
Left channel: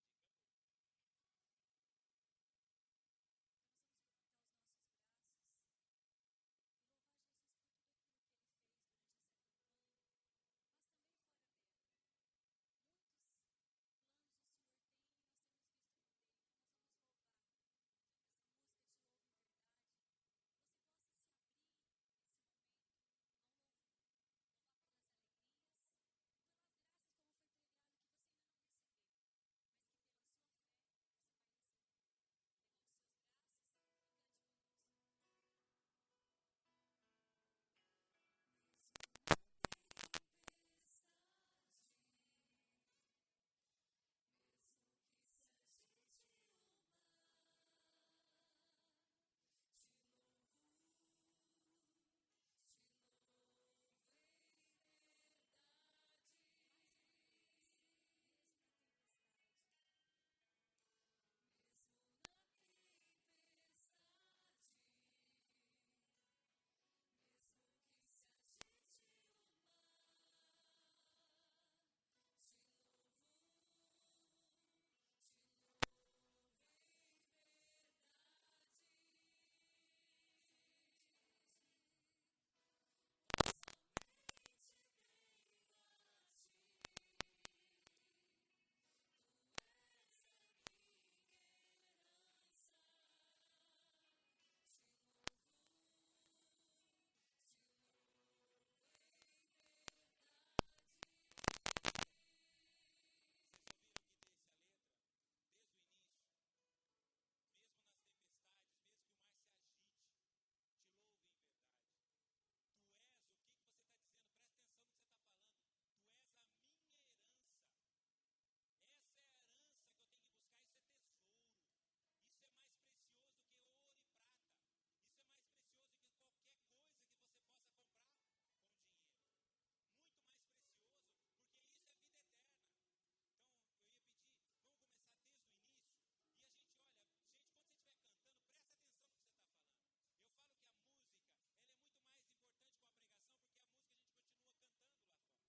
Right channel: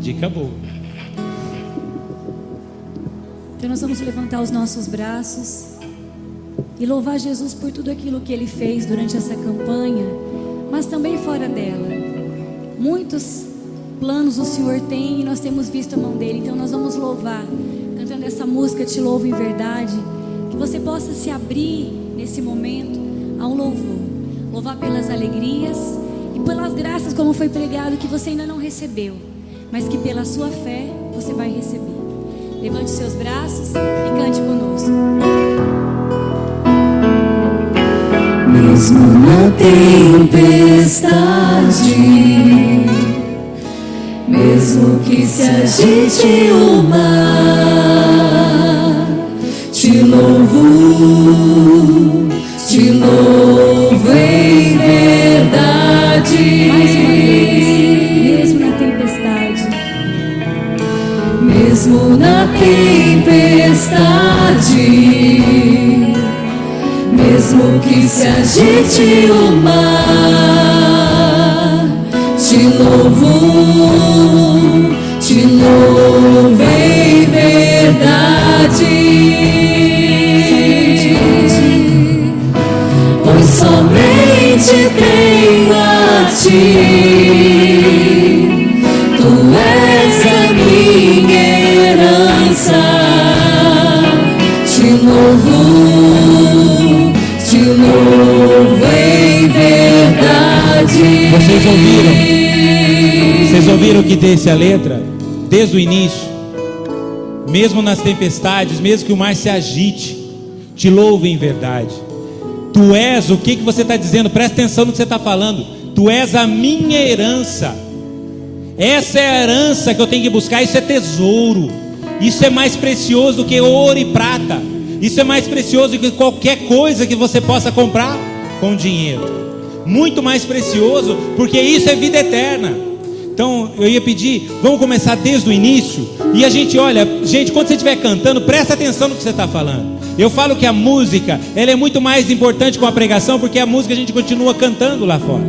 Dica boa. Então nós vamos levantar os nossos braços e louvar Jesus por tudo aquilo que Ele fez durante essa campanha, mas também fora dela. Muitos planos o Senhor tem e nós temos visto a mão dEle. Então nós vamos louvar, cantando essa música Te Louvo em Verdade. Que você possa se abrir nesse momento a um louvor. Louvar pelas alegrias e pelas graças, como foi pregado, que você ainda não recebeu, mas que pela sua fé você vai receber. Levante seus braços e cante conosco. Mesmo na tempestade, mesmo que se agite o mar, te louvo em verdade. Mais uma vez, mesmo na tempestade, mesmo na tempestade, mesmo que se agite o mar, te louvo em verdade. Pois somente tenho a ti, tu és a minha herança. Te louvo em verdade. Vocês ouviram o que disse a letra? Desde o início. Mesmo nas tempestades, mesmo que o mar se agite, te louvo em verdade. Tu és, o que você está dizendo? Presta atenção no que você está falando. Tu és a minha herança. Essa é a herança que eu tenho que buscar. Isso é tesouro. Isso é mais precioso do que ouro e prata. Isso é mais precioso do que qualquer coisa que você possa comprar com dinheiro. Muito mais precioso, porque isso é vida eterna. Então eu ia pedir, vamos começar desde o início. E a gente olha, gente, quando você estiver cantando, presta atenção no que você está falando. Eu falo que a música, ela é muito mais importante com a pregação, porque a música a gente continua cantando lá fora.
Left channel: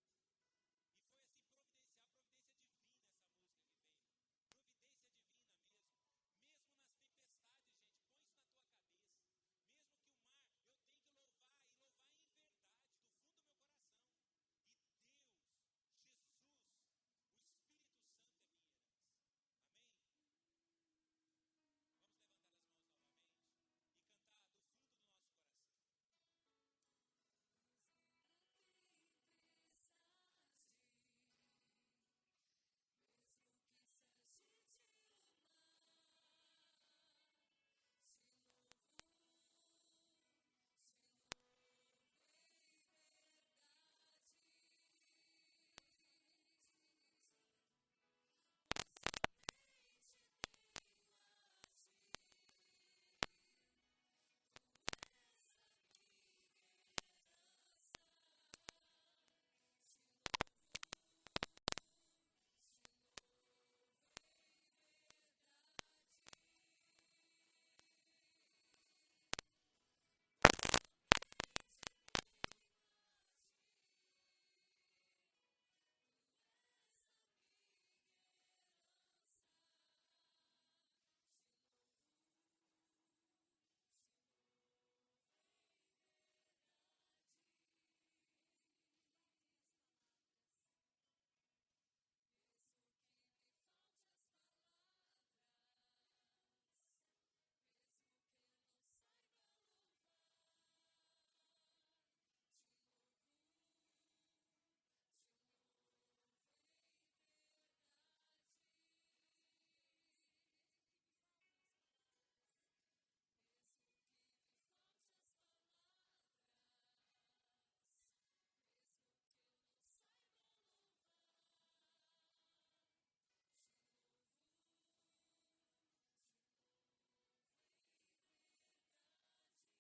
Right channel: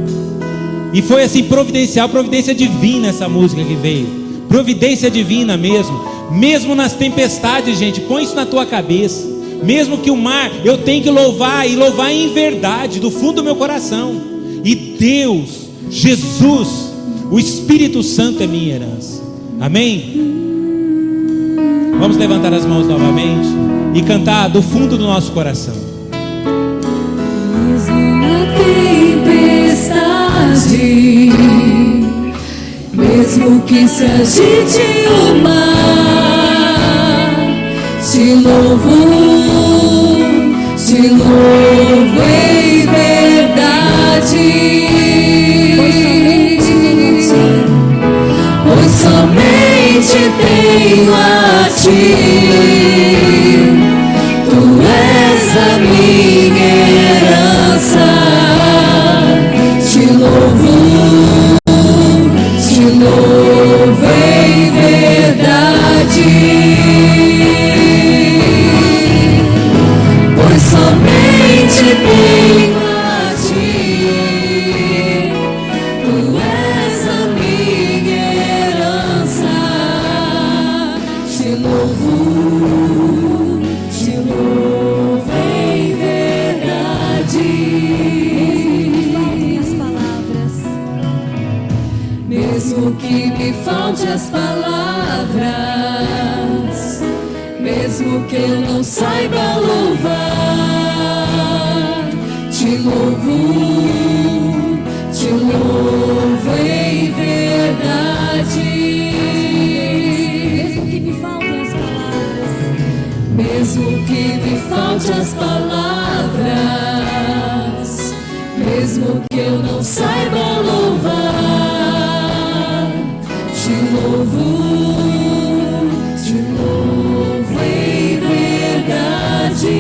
E foi assim, providencial, providência divina essa música que veio. Providência divina mesmo. Mesmo nas tempestades, gente, põe isso na tua cabeça. Mesmo que o mar, eu tenho que louvar, e louvar em verdade, do fundo do meu coração. E Deus, Jesus, o Espírito Santo é minha herança. Amém? Vamos levantar as mãos novamente e cantar do fundo do nosso coração. Mesmo na tempestade, mesmo que se agite o mar, te louvo em verdade. Pois somente tenho a ti, tu és a minha herança. Te louvo em verdade. Pois somente tenho a ti, tu és a minha herança. Te louvo em verdade. Mesmo que me falte as palavras, mesmo que eu não saiba louvar, te louvo em verdade. mesmo que me faltem as palavras, Mesmo que me falte as palavras, mesmo que eu não saiba louvar, te louvo em verdade.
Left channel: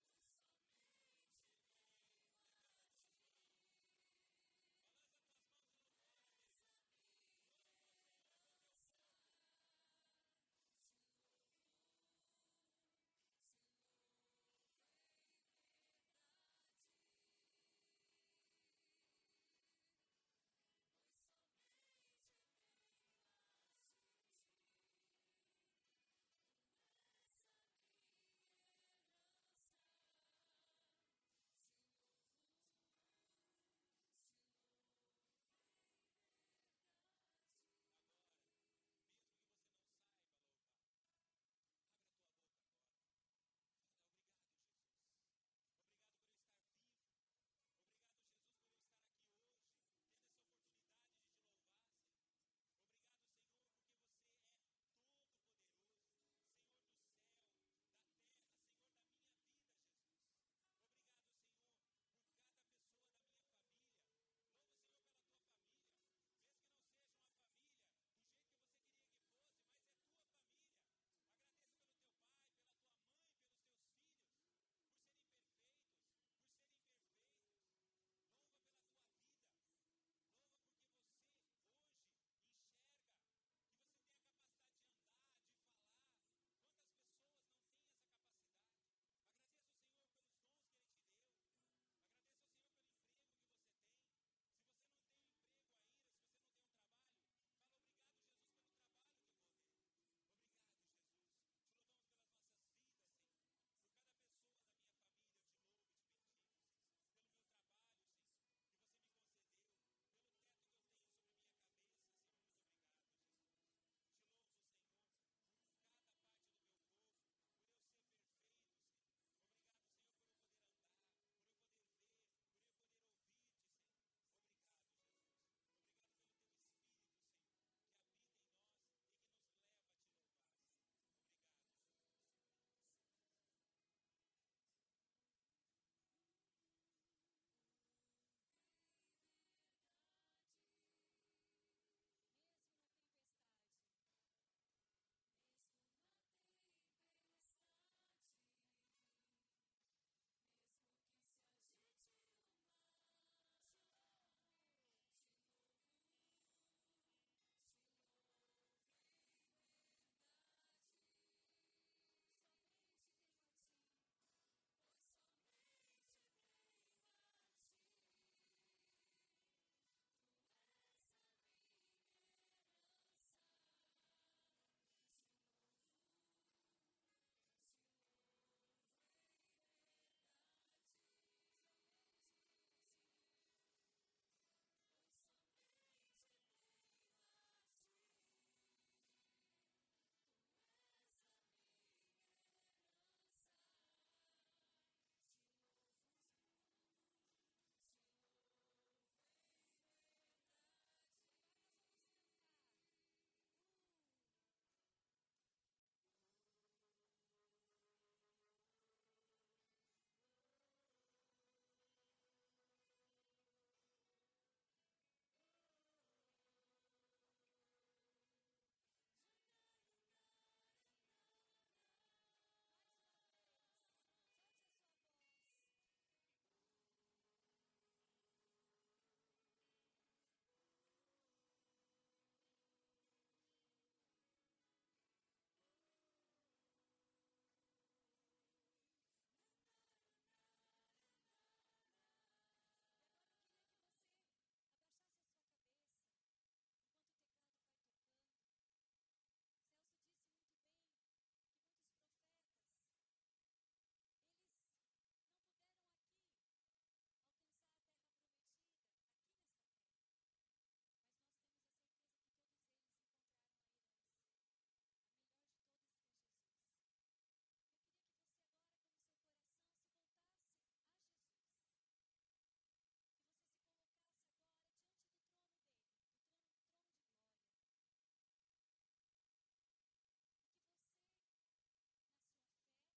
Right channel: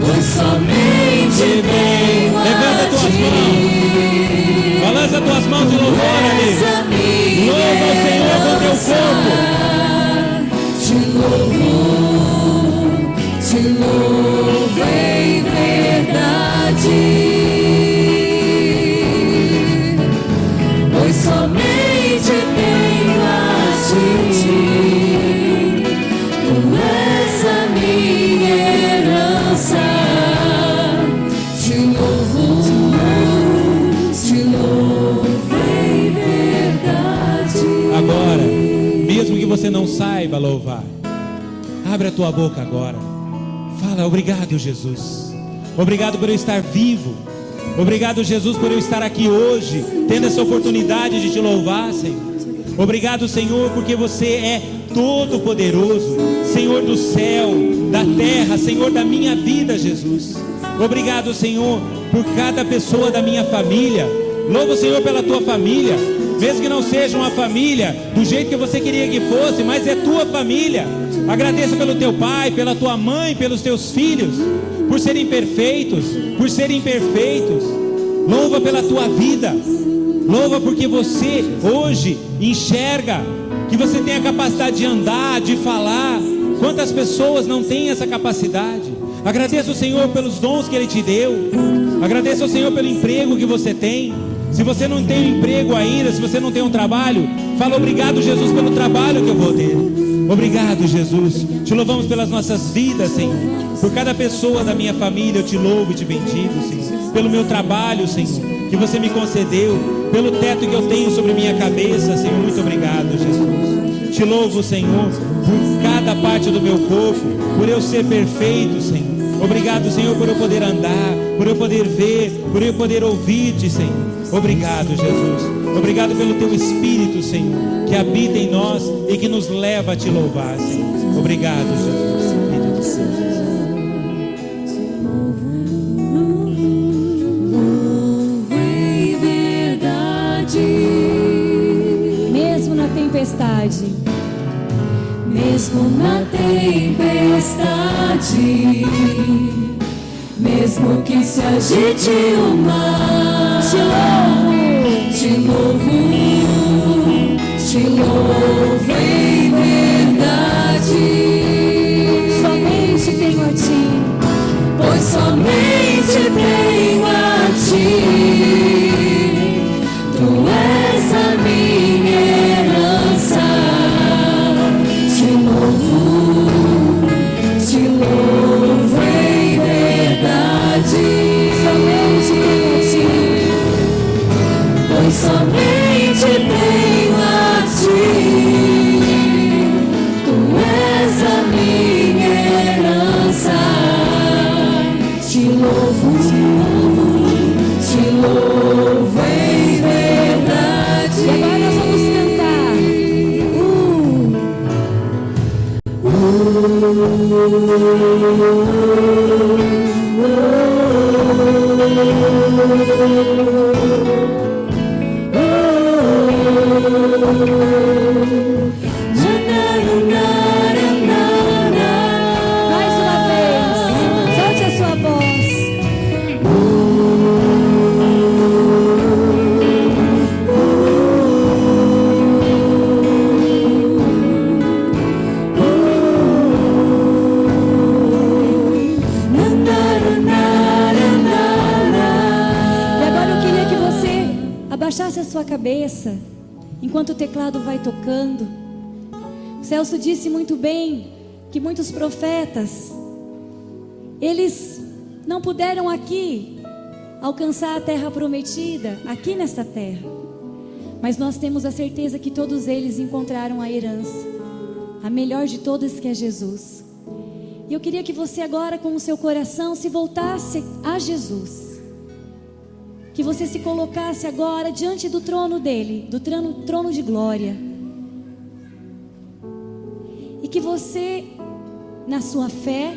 Pois somente as tuas mãos de louvor ali. Louva o Senhor com teu corpo. Te louvo em verdade, pois somente tenho a ti. Tu és a minha herança. Te louvo em verdade. Agora, mesmo que você não saiba louvar, abre a tua boca agora. Fala: obrigado, Jesus. Obrigado por eu estar vivo. Obrigado, Jesus, por eu estar aqui hoje, tendo essa oportunidade de te louvar, Senhor. Obrigado, Senhor, porque você é todo poderoso, Senhor do céu, da terra, Senhor da minha vida, Jesus. Obrigado, Senhor, por cada pessoa da minha família. Louvo o Senhor pela tua família, mesmo que não seja uma família do jeito que você queria que fosse, mas é tua família. Agradeço pelo teu pai, pela tua mãe, pelos teus filhos, por serem perfeitos, por serem imperfeitos. Louva pela tua vida. Louva porque você hoje enxerga, que você tem a capacidade de andar, de falar. Quantas pessoas não têm essa capacidade? Agradeço ao Senhor pelos dons que Ele te deu. Agradeço ao Senhor pelo emprego que você tem. Se você não tem um emprego ainda, se você não tem um trabalho, fala: obrigado, Jesus, pelo trabalho que eu vou ter. Obrigado, Jesus. Te louvamos pelas nossas vidas, Senhor. Por cada pessoa da minha família eu te louvo e te bendigo, Senhor. Pelo meu trabalho, Senhor, que você me concedeu. Pelo teto que eu tenho sobre minha cabeça, Senhor. Muito obrigado, Jesus. Te louvo, Senhor, por cada parte do meu corpo, por eu ser perfeito, Senhor. Obrigado, Senhor, por eu poder andar, por eu poder ver, por eu poder ouvir-te, Senhor. Obrigado, Jesus. Obrigado pelo teu Espírito, Senhor, que habita em nós e que nos leva a te louvar, Senhor. Obrigado, Jesus. Em verdade, Mesmo na tempestade, mesmo na tempestade, mesmo que se agite o mar, te louvo em verdade. somente tenho a ti. Pois somente tenho a ti. Tu és a minha herança. Te louvo em verdade. Somente tenho a ti. Pois somente tenho a ti. Tu és a minha herança. Te louvo em verdade. E agora nós vamos cantar. Mais uma vez, solte a sua voz. E agora eu queria que você abaixasse a sua cabeça enquanto o teclado vai tocando. O Celso disse muito bem que muitos profetas, eles não puderam aqui alcançar a terra prometida, aqui nesta terra. Mas nós temos a certeza que todos eles encontraram a herança, a melhor de todas, que é Jesus. E eu queria que você agora, com o seu coração, se voltasse a Jesus. Que você se colocasse agora diante do trono dele, do trono de glória. E que você, na sua fé,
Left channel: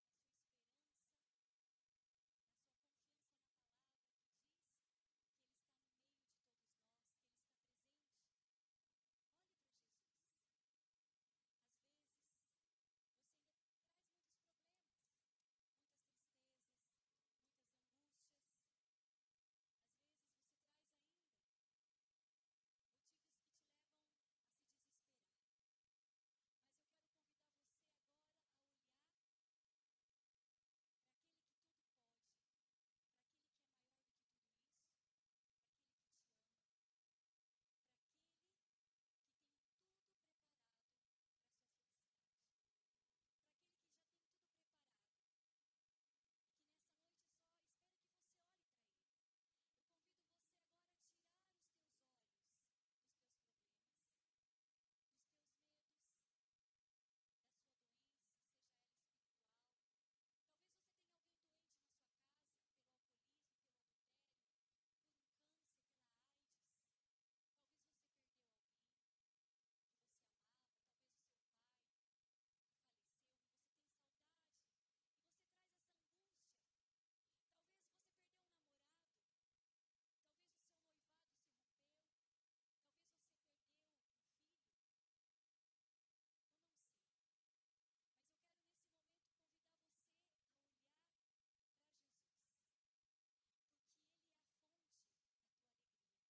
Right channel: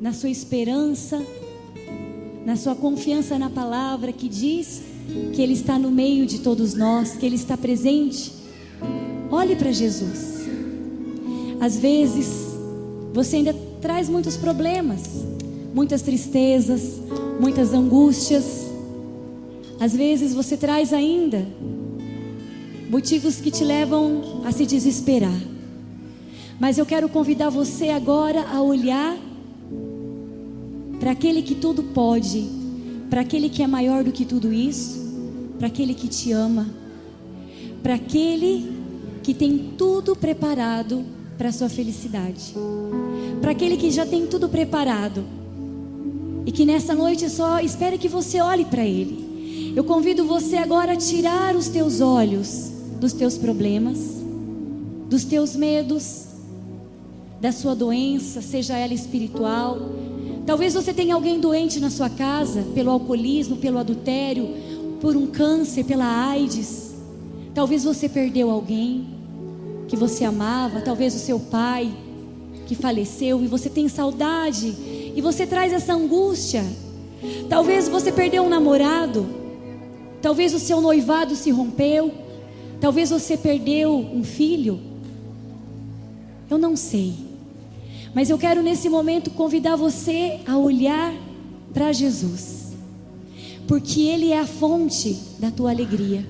na sua esperança, na sua confiança na palavra que diz que Ele está no meio de todos nós, que Ele está presente, olhe para Jesus. Às vezes você ainda traz muitos problemas, muitas tristezas, muitas angústias. Às vezes você traz ainda motivos que te levam a se desesperar. Mas eu quero convidar você agora a olhar para aquele que tudo pode, para aquele que é maior do que tudo isso, para aquele que te ama, para aquele que tem tudo preparado para a sua felicidade, para aquele que já tem tudo preparado e que nessa noite só espera que você olhe para ele. Eu convido você agora a tirar os teus olhos dos teus problemas, dos teus medos, da sua doença, seja ela espiritual. Talvez você tenha alguém doente na sua casa, pelo alcoolismo, pelo adultério, por um câncer, pela AIDS. Talvez você perdeu alguém que você amava, talvez o seu pai que faleceu e você tem saudade e você traz essa angústia. Talvez você perdeu um namorado, talvez o seu noivado se rompeu, talvez você perdeu um filho. Eu não sei, mas eu quero nesse momento convidar você a olhar para Jesus, porque Ele é a fonte da tua alegria,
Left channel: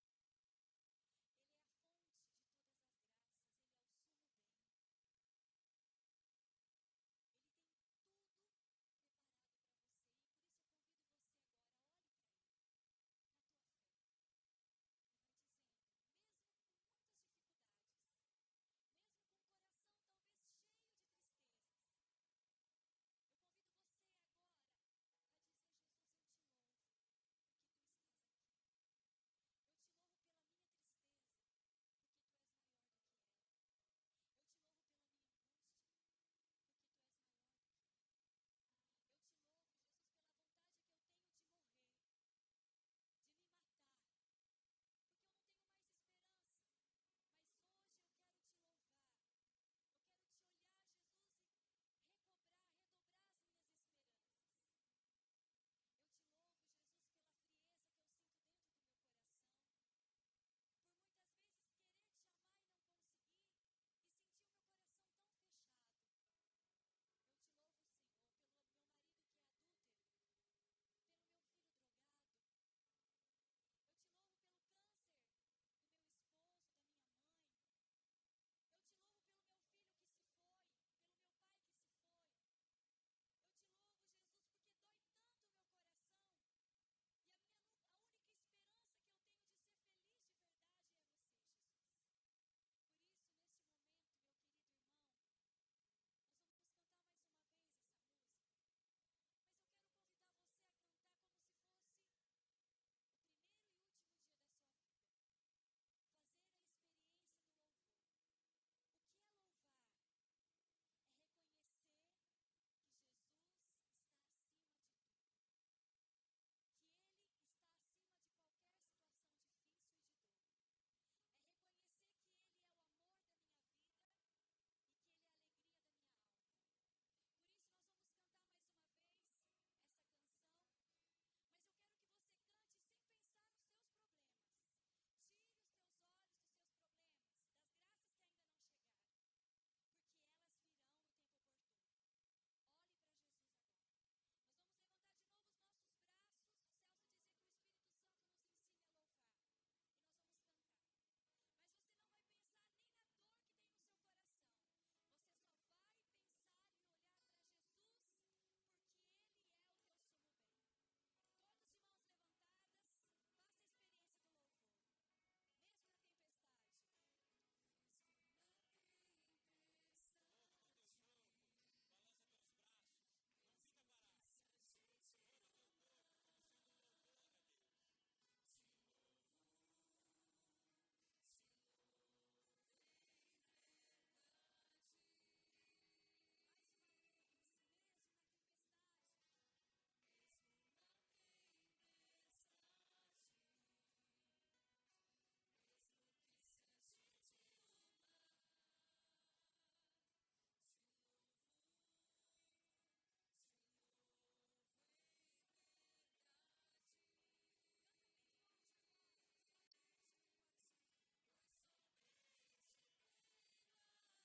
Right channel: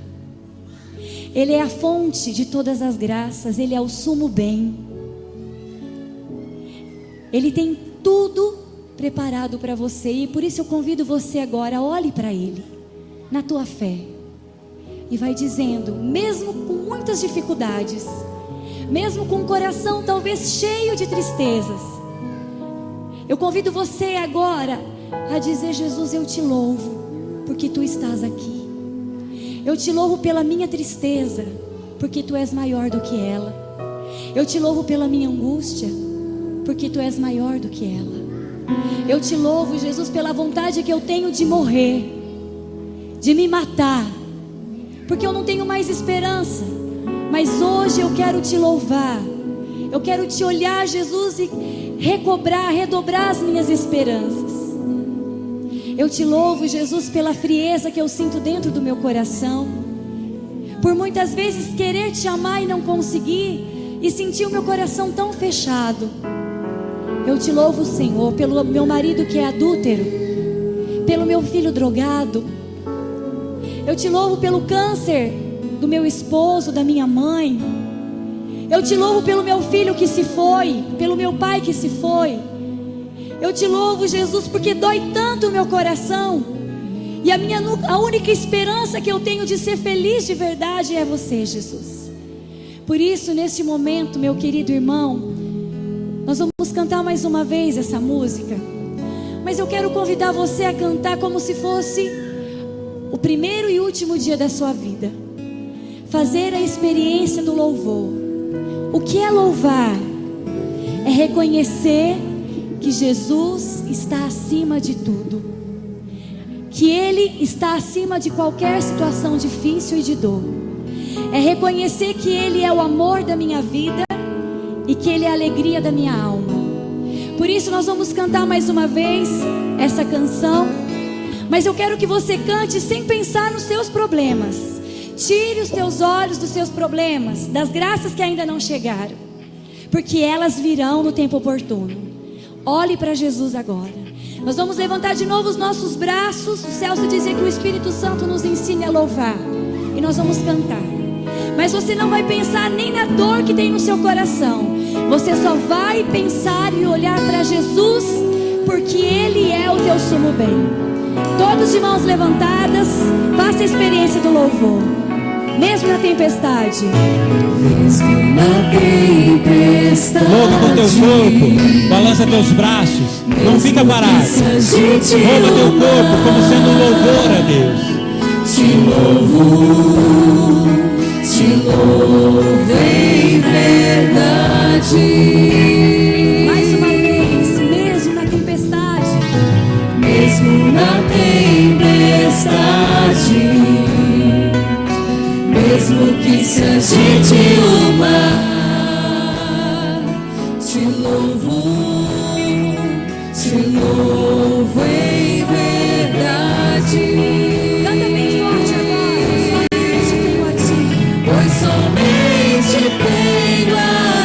Ele é a fonte de todas as graças, Ele é o sumo bem, Ele tem tudo preparado para você. E por isso eu convido você agora, olhe para Ele, na tua fé, e vai dizendo, mesmo com muitas dificuldades, mesmo com o coração talvez cheio de tristezas, eu convido você agora a dizer: Jesus, eu te louvo, porque Tu estás aqui. Eu te louvo pela minha tristeza, porque Tu és maior do que ela. Eu te louvo pela minha angústia, porque Tu és maior do que ela. Eu te louvo, Jesus, pela vontade que eu tenho de morrer, de me matar, porque eu não tenho mais esperança. Mas hoje eu quero Te louvar, eu quero Te olhar, Jesus, e redobrar as minhas esperanças. Eu Te louvo, Jesus, pela frieza que eu sinto dentro do meu coração, por muitas vezes querer Te amar e não conseguir, e sentir o meu coração tão fechado. Eu Te louvo, Senhor, pelo meu marido que é adúltero, pelo meu filho drogado. Eu Te louvo pelo câncer do meu esposo, da minha mãe. Eu Te louvo pelo meu filho que se foi, pelo meu pai que se foi. Eu Te louvo, Jesus, porque dói tanto o meu coração, e a única esperança que eu tenho de ser feliz de verdade é Você, Jesus. Por isso, neste momento, meu querido irmão, nós vamos cantar mais uma vez essa música, mas eu quero convidar você a cantar como se fosse o primeiro e último dia da sua vida. Fazer a experiência do louvor. O que é louvar? É reconhecer que Jesus está acima de tudo, que Ele está acima de qualquer situação difícil e de dor. É reconhecer que Ele é o amor da minha vida e que Ele é a alegria da minha alma. Por isso nós vamos cantar mais uma vez essa canção, mas eu quero que você cante sem pensar nos seus problemas. Tire os teus olhos dos seus problemas, das graças que ainda não chegaram, porque elas virão no tempo oportuno. Olhe para Jesus agora. Nós vamos levantar de novo os nossos braços. O Celso dizia que o Espírito Santo nos ensine a louvar, e nós vamos cantar. Mas você não vai pensar nem na dor que tem no seu coração, você só vai pensar e olhar para Jesus, porque Ele é o teu sumo bem. Todos de mãos levantadas, faça a experiência do louvor, mesmo na tempestade. Mesmo na tempestade. Louva com teu corpo, balança teus braços, não fica parado. Louva teu corpo como sendo um louvor a Deus. Te louvo em verdade. Mais uma vez, mesmo na tempestade. Mesmo na tempestade, mesmo que se agite o mar, te louvo em verdade. Canta bem forte agora. Somente tenho a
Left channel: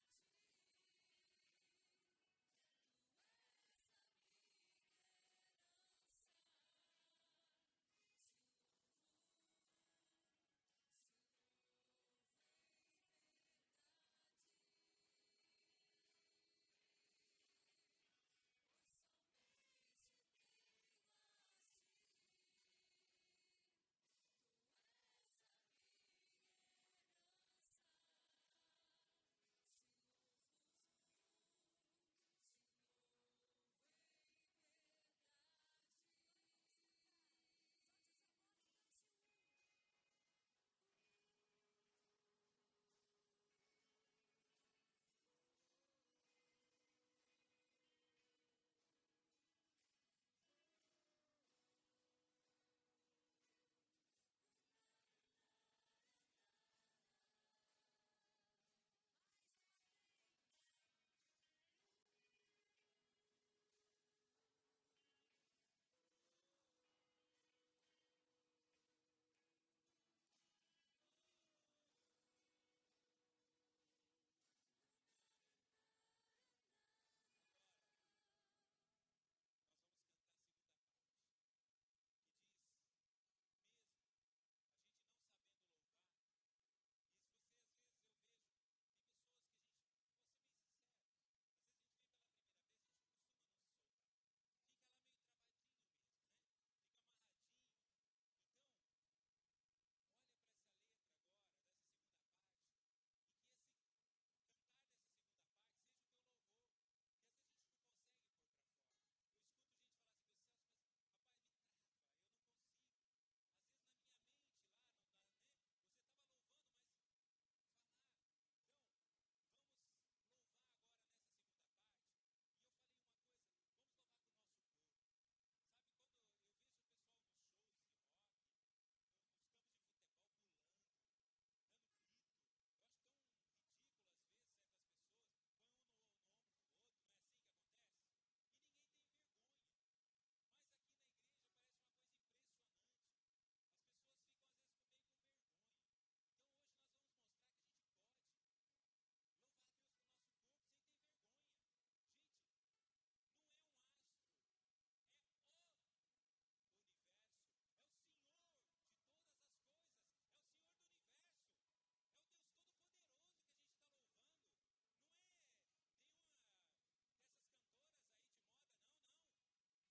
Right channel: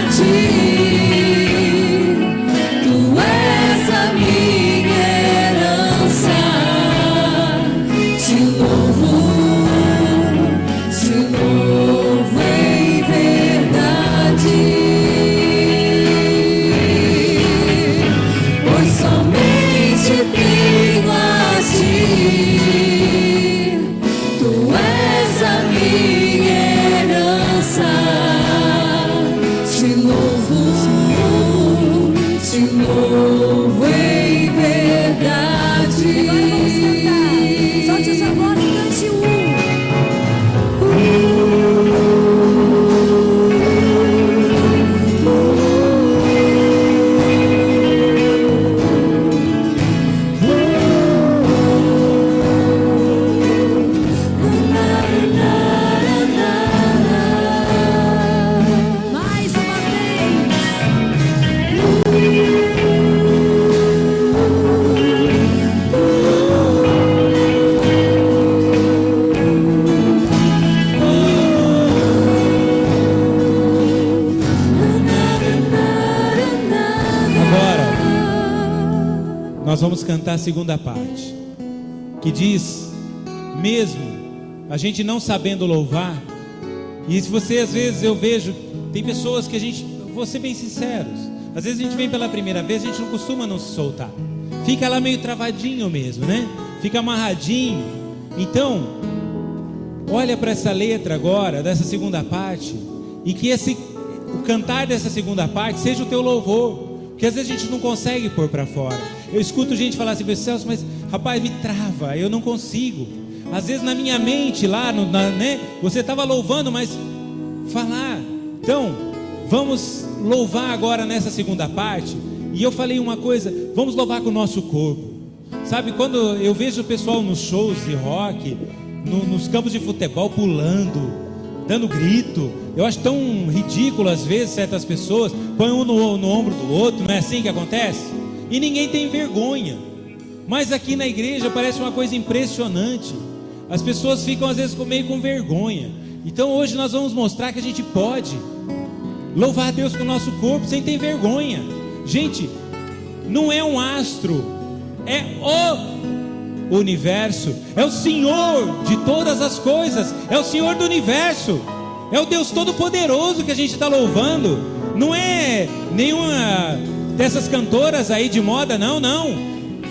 Ti, Tu és a minha herança. Te louvo nós vamos cantar a segunda parte, que diz, mesmo a gente não sabendo louvar, e se você às vezes eu vejo, tem pessoas que vou ser bem sinceros, às vezes a gente vem pela primeira vez, a gente não costuma não se soltar, fica lá meio travadinho mesmo, né? Fica amarradinho. Então, olha para essa letra agora, dessa segunda parte, e que o cantar dessa segunda parte seja o teu louvor, porque às vezes a gente não consegue pôr para fora. Eu escuto gente falar assim, Celso, mas rapaz, me trava, eu não consigo. Às vezes na minha mente lá, né, você estava louvando, mas falar. Então, vamos louvar agora nessa segunda parte. E eu falei uma coisa, vamos louvar com o nosso corpo. Sabe, quando eu vejo o pessoal nos shows de rock, nos campos de futebol pulando, dando grito, eu acho tão ridículo às vezes certas pessoas põem um no ombro do outro, não é assim que acontece? E ninguém tem vergonha. Mas aqui na igreja parece uma coisa impressionante. As pessoas ficam às vezes meio com vergonha. Então hoje nós vamos mostrar que a gente pode louvar a Deus com o nosso corpo sem ter vergonha. Gente, não é um astro, é o universo, é o Senhor de todas as coisas, é o Senhor do universo, é o Deus Todo-Poderoso que a gente está louvando. Não é nenhuma dessas cantoras aí de moda, não,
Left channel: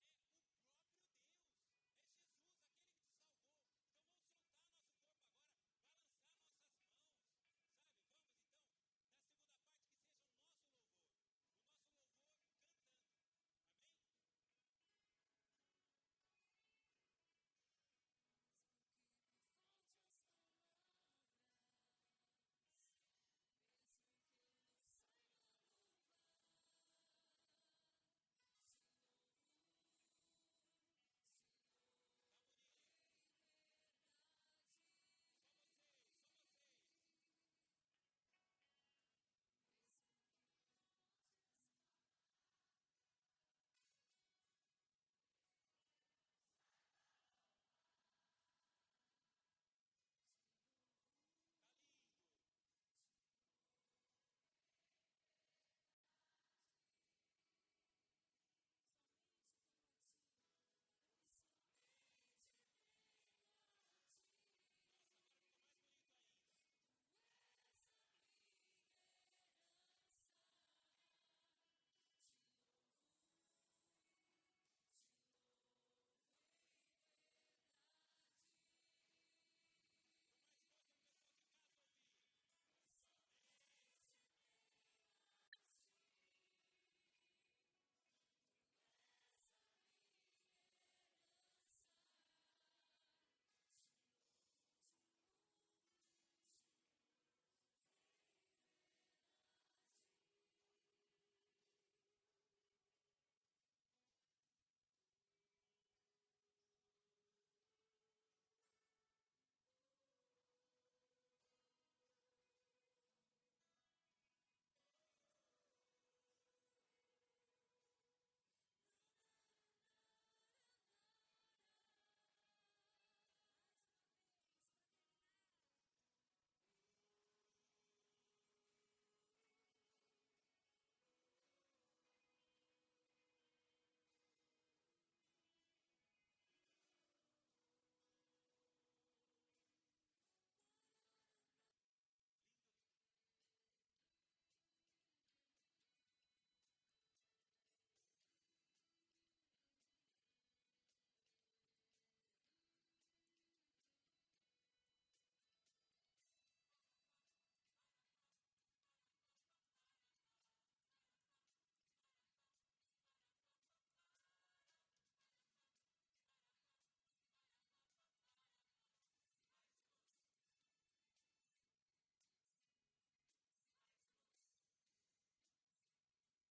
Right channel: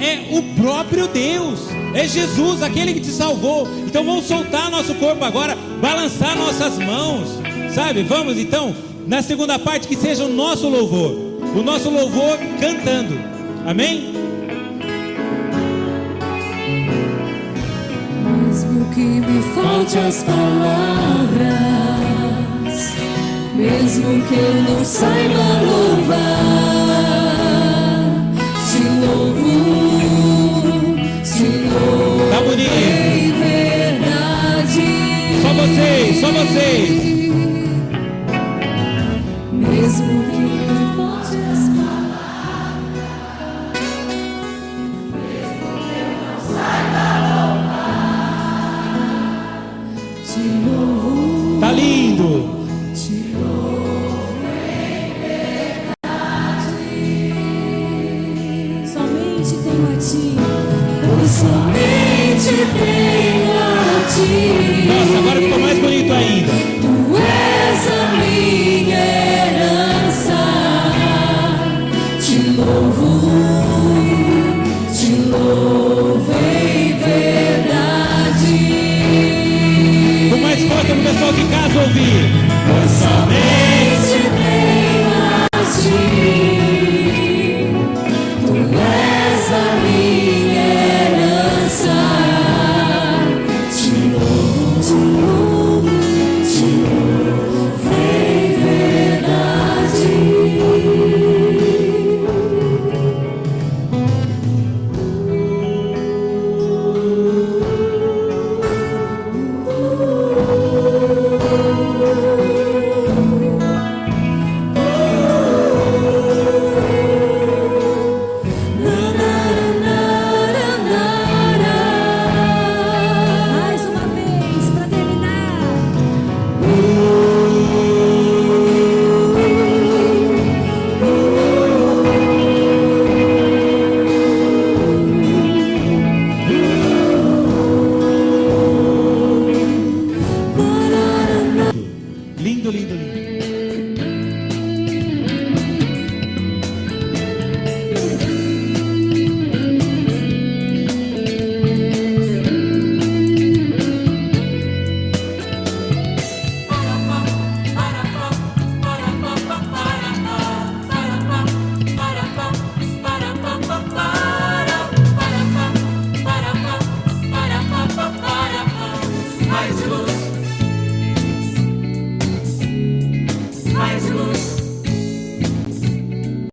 é o próprio Deus, é Jesus, aquele que te salvou. Então vamos soltar nosso corpo agora, balançar nossas mãos, sabe? Vamos então, na segunda parte, que seja o nosso louvor cantando, amém? Mesmo que me falte as palavras, mesmo que eu não saiba louvar, te louvo, tá bonito. em verdade. Só vocês. Mesmo que me falte as palavras, mesmo que eu não saiba louvar, te louvo. Tá lindo. Te louvo em verdade. Somente tenho a ti. Pois somente tenho a ti. Nossa, agora ficou mais bonito ainda. Tu és a minha herança. Te louvo em verdade. Com mais força pro pessoal de casa ouvir. Pois somente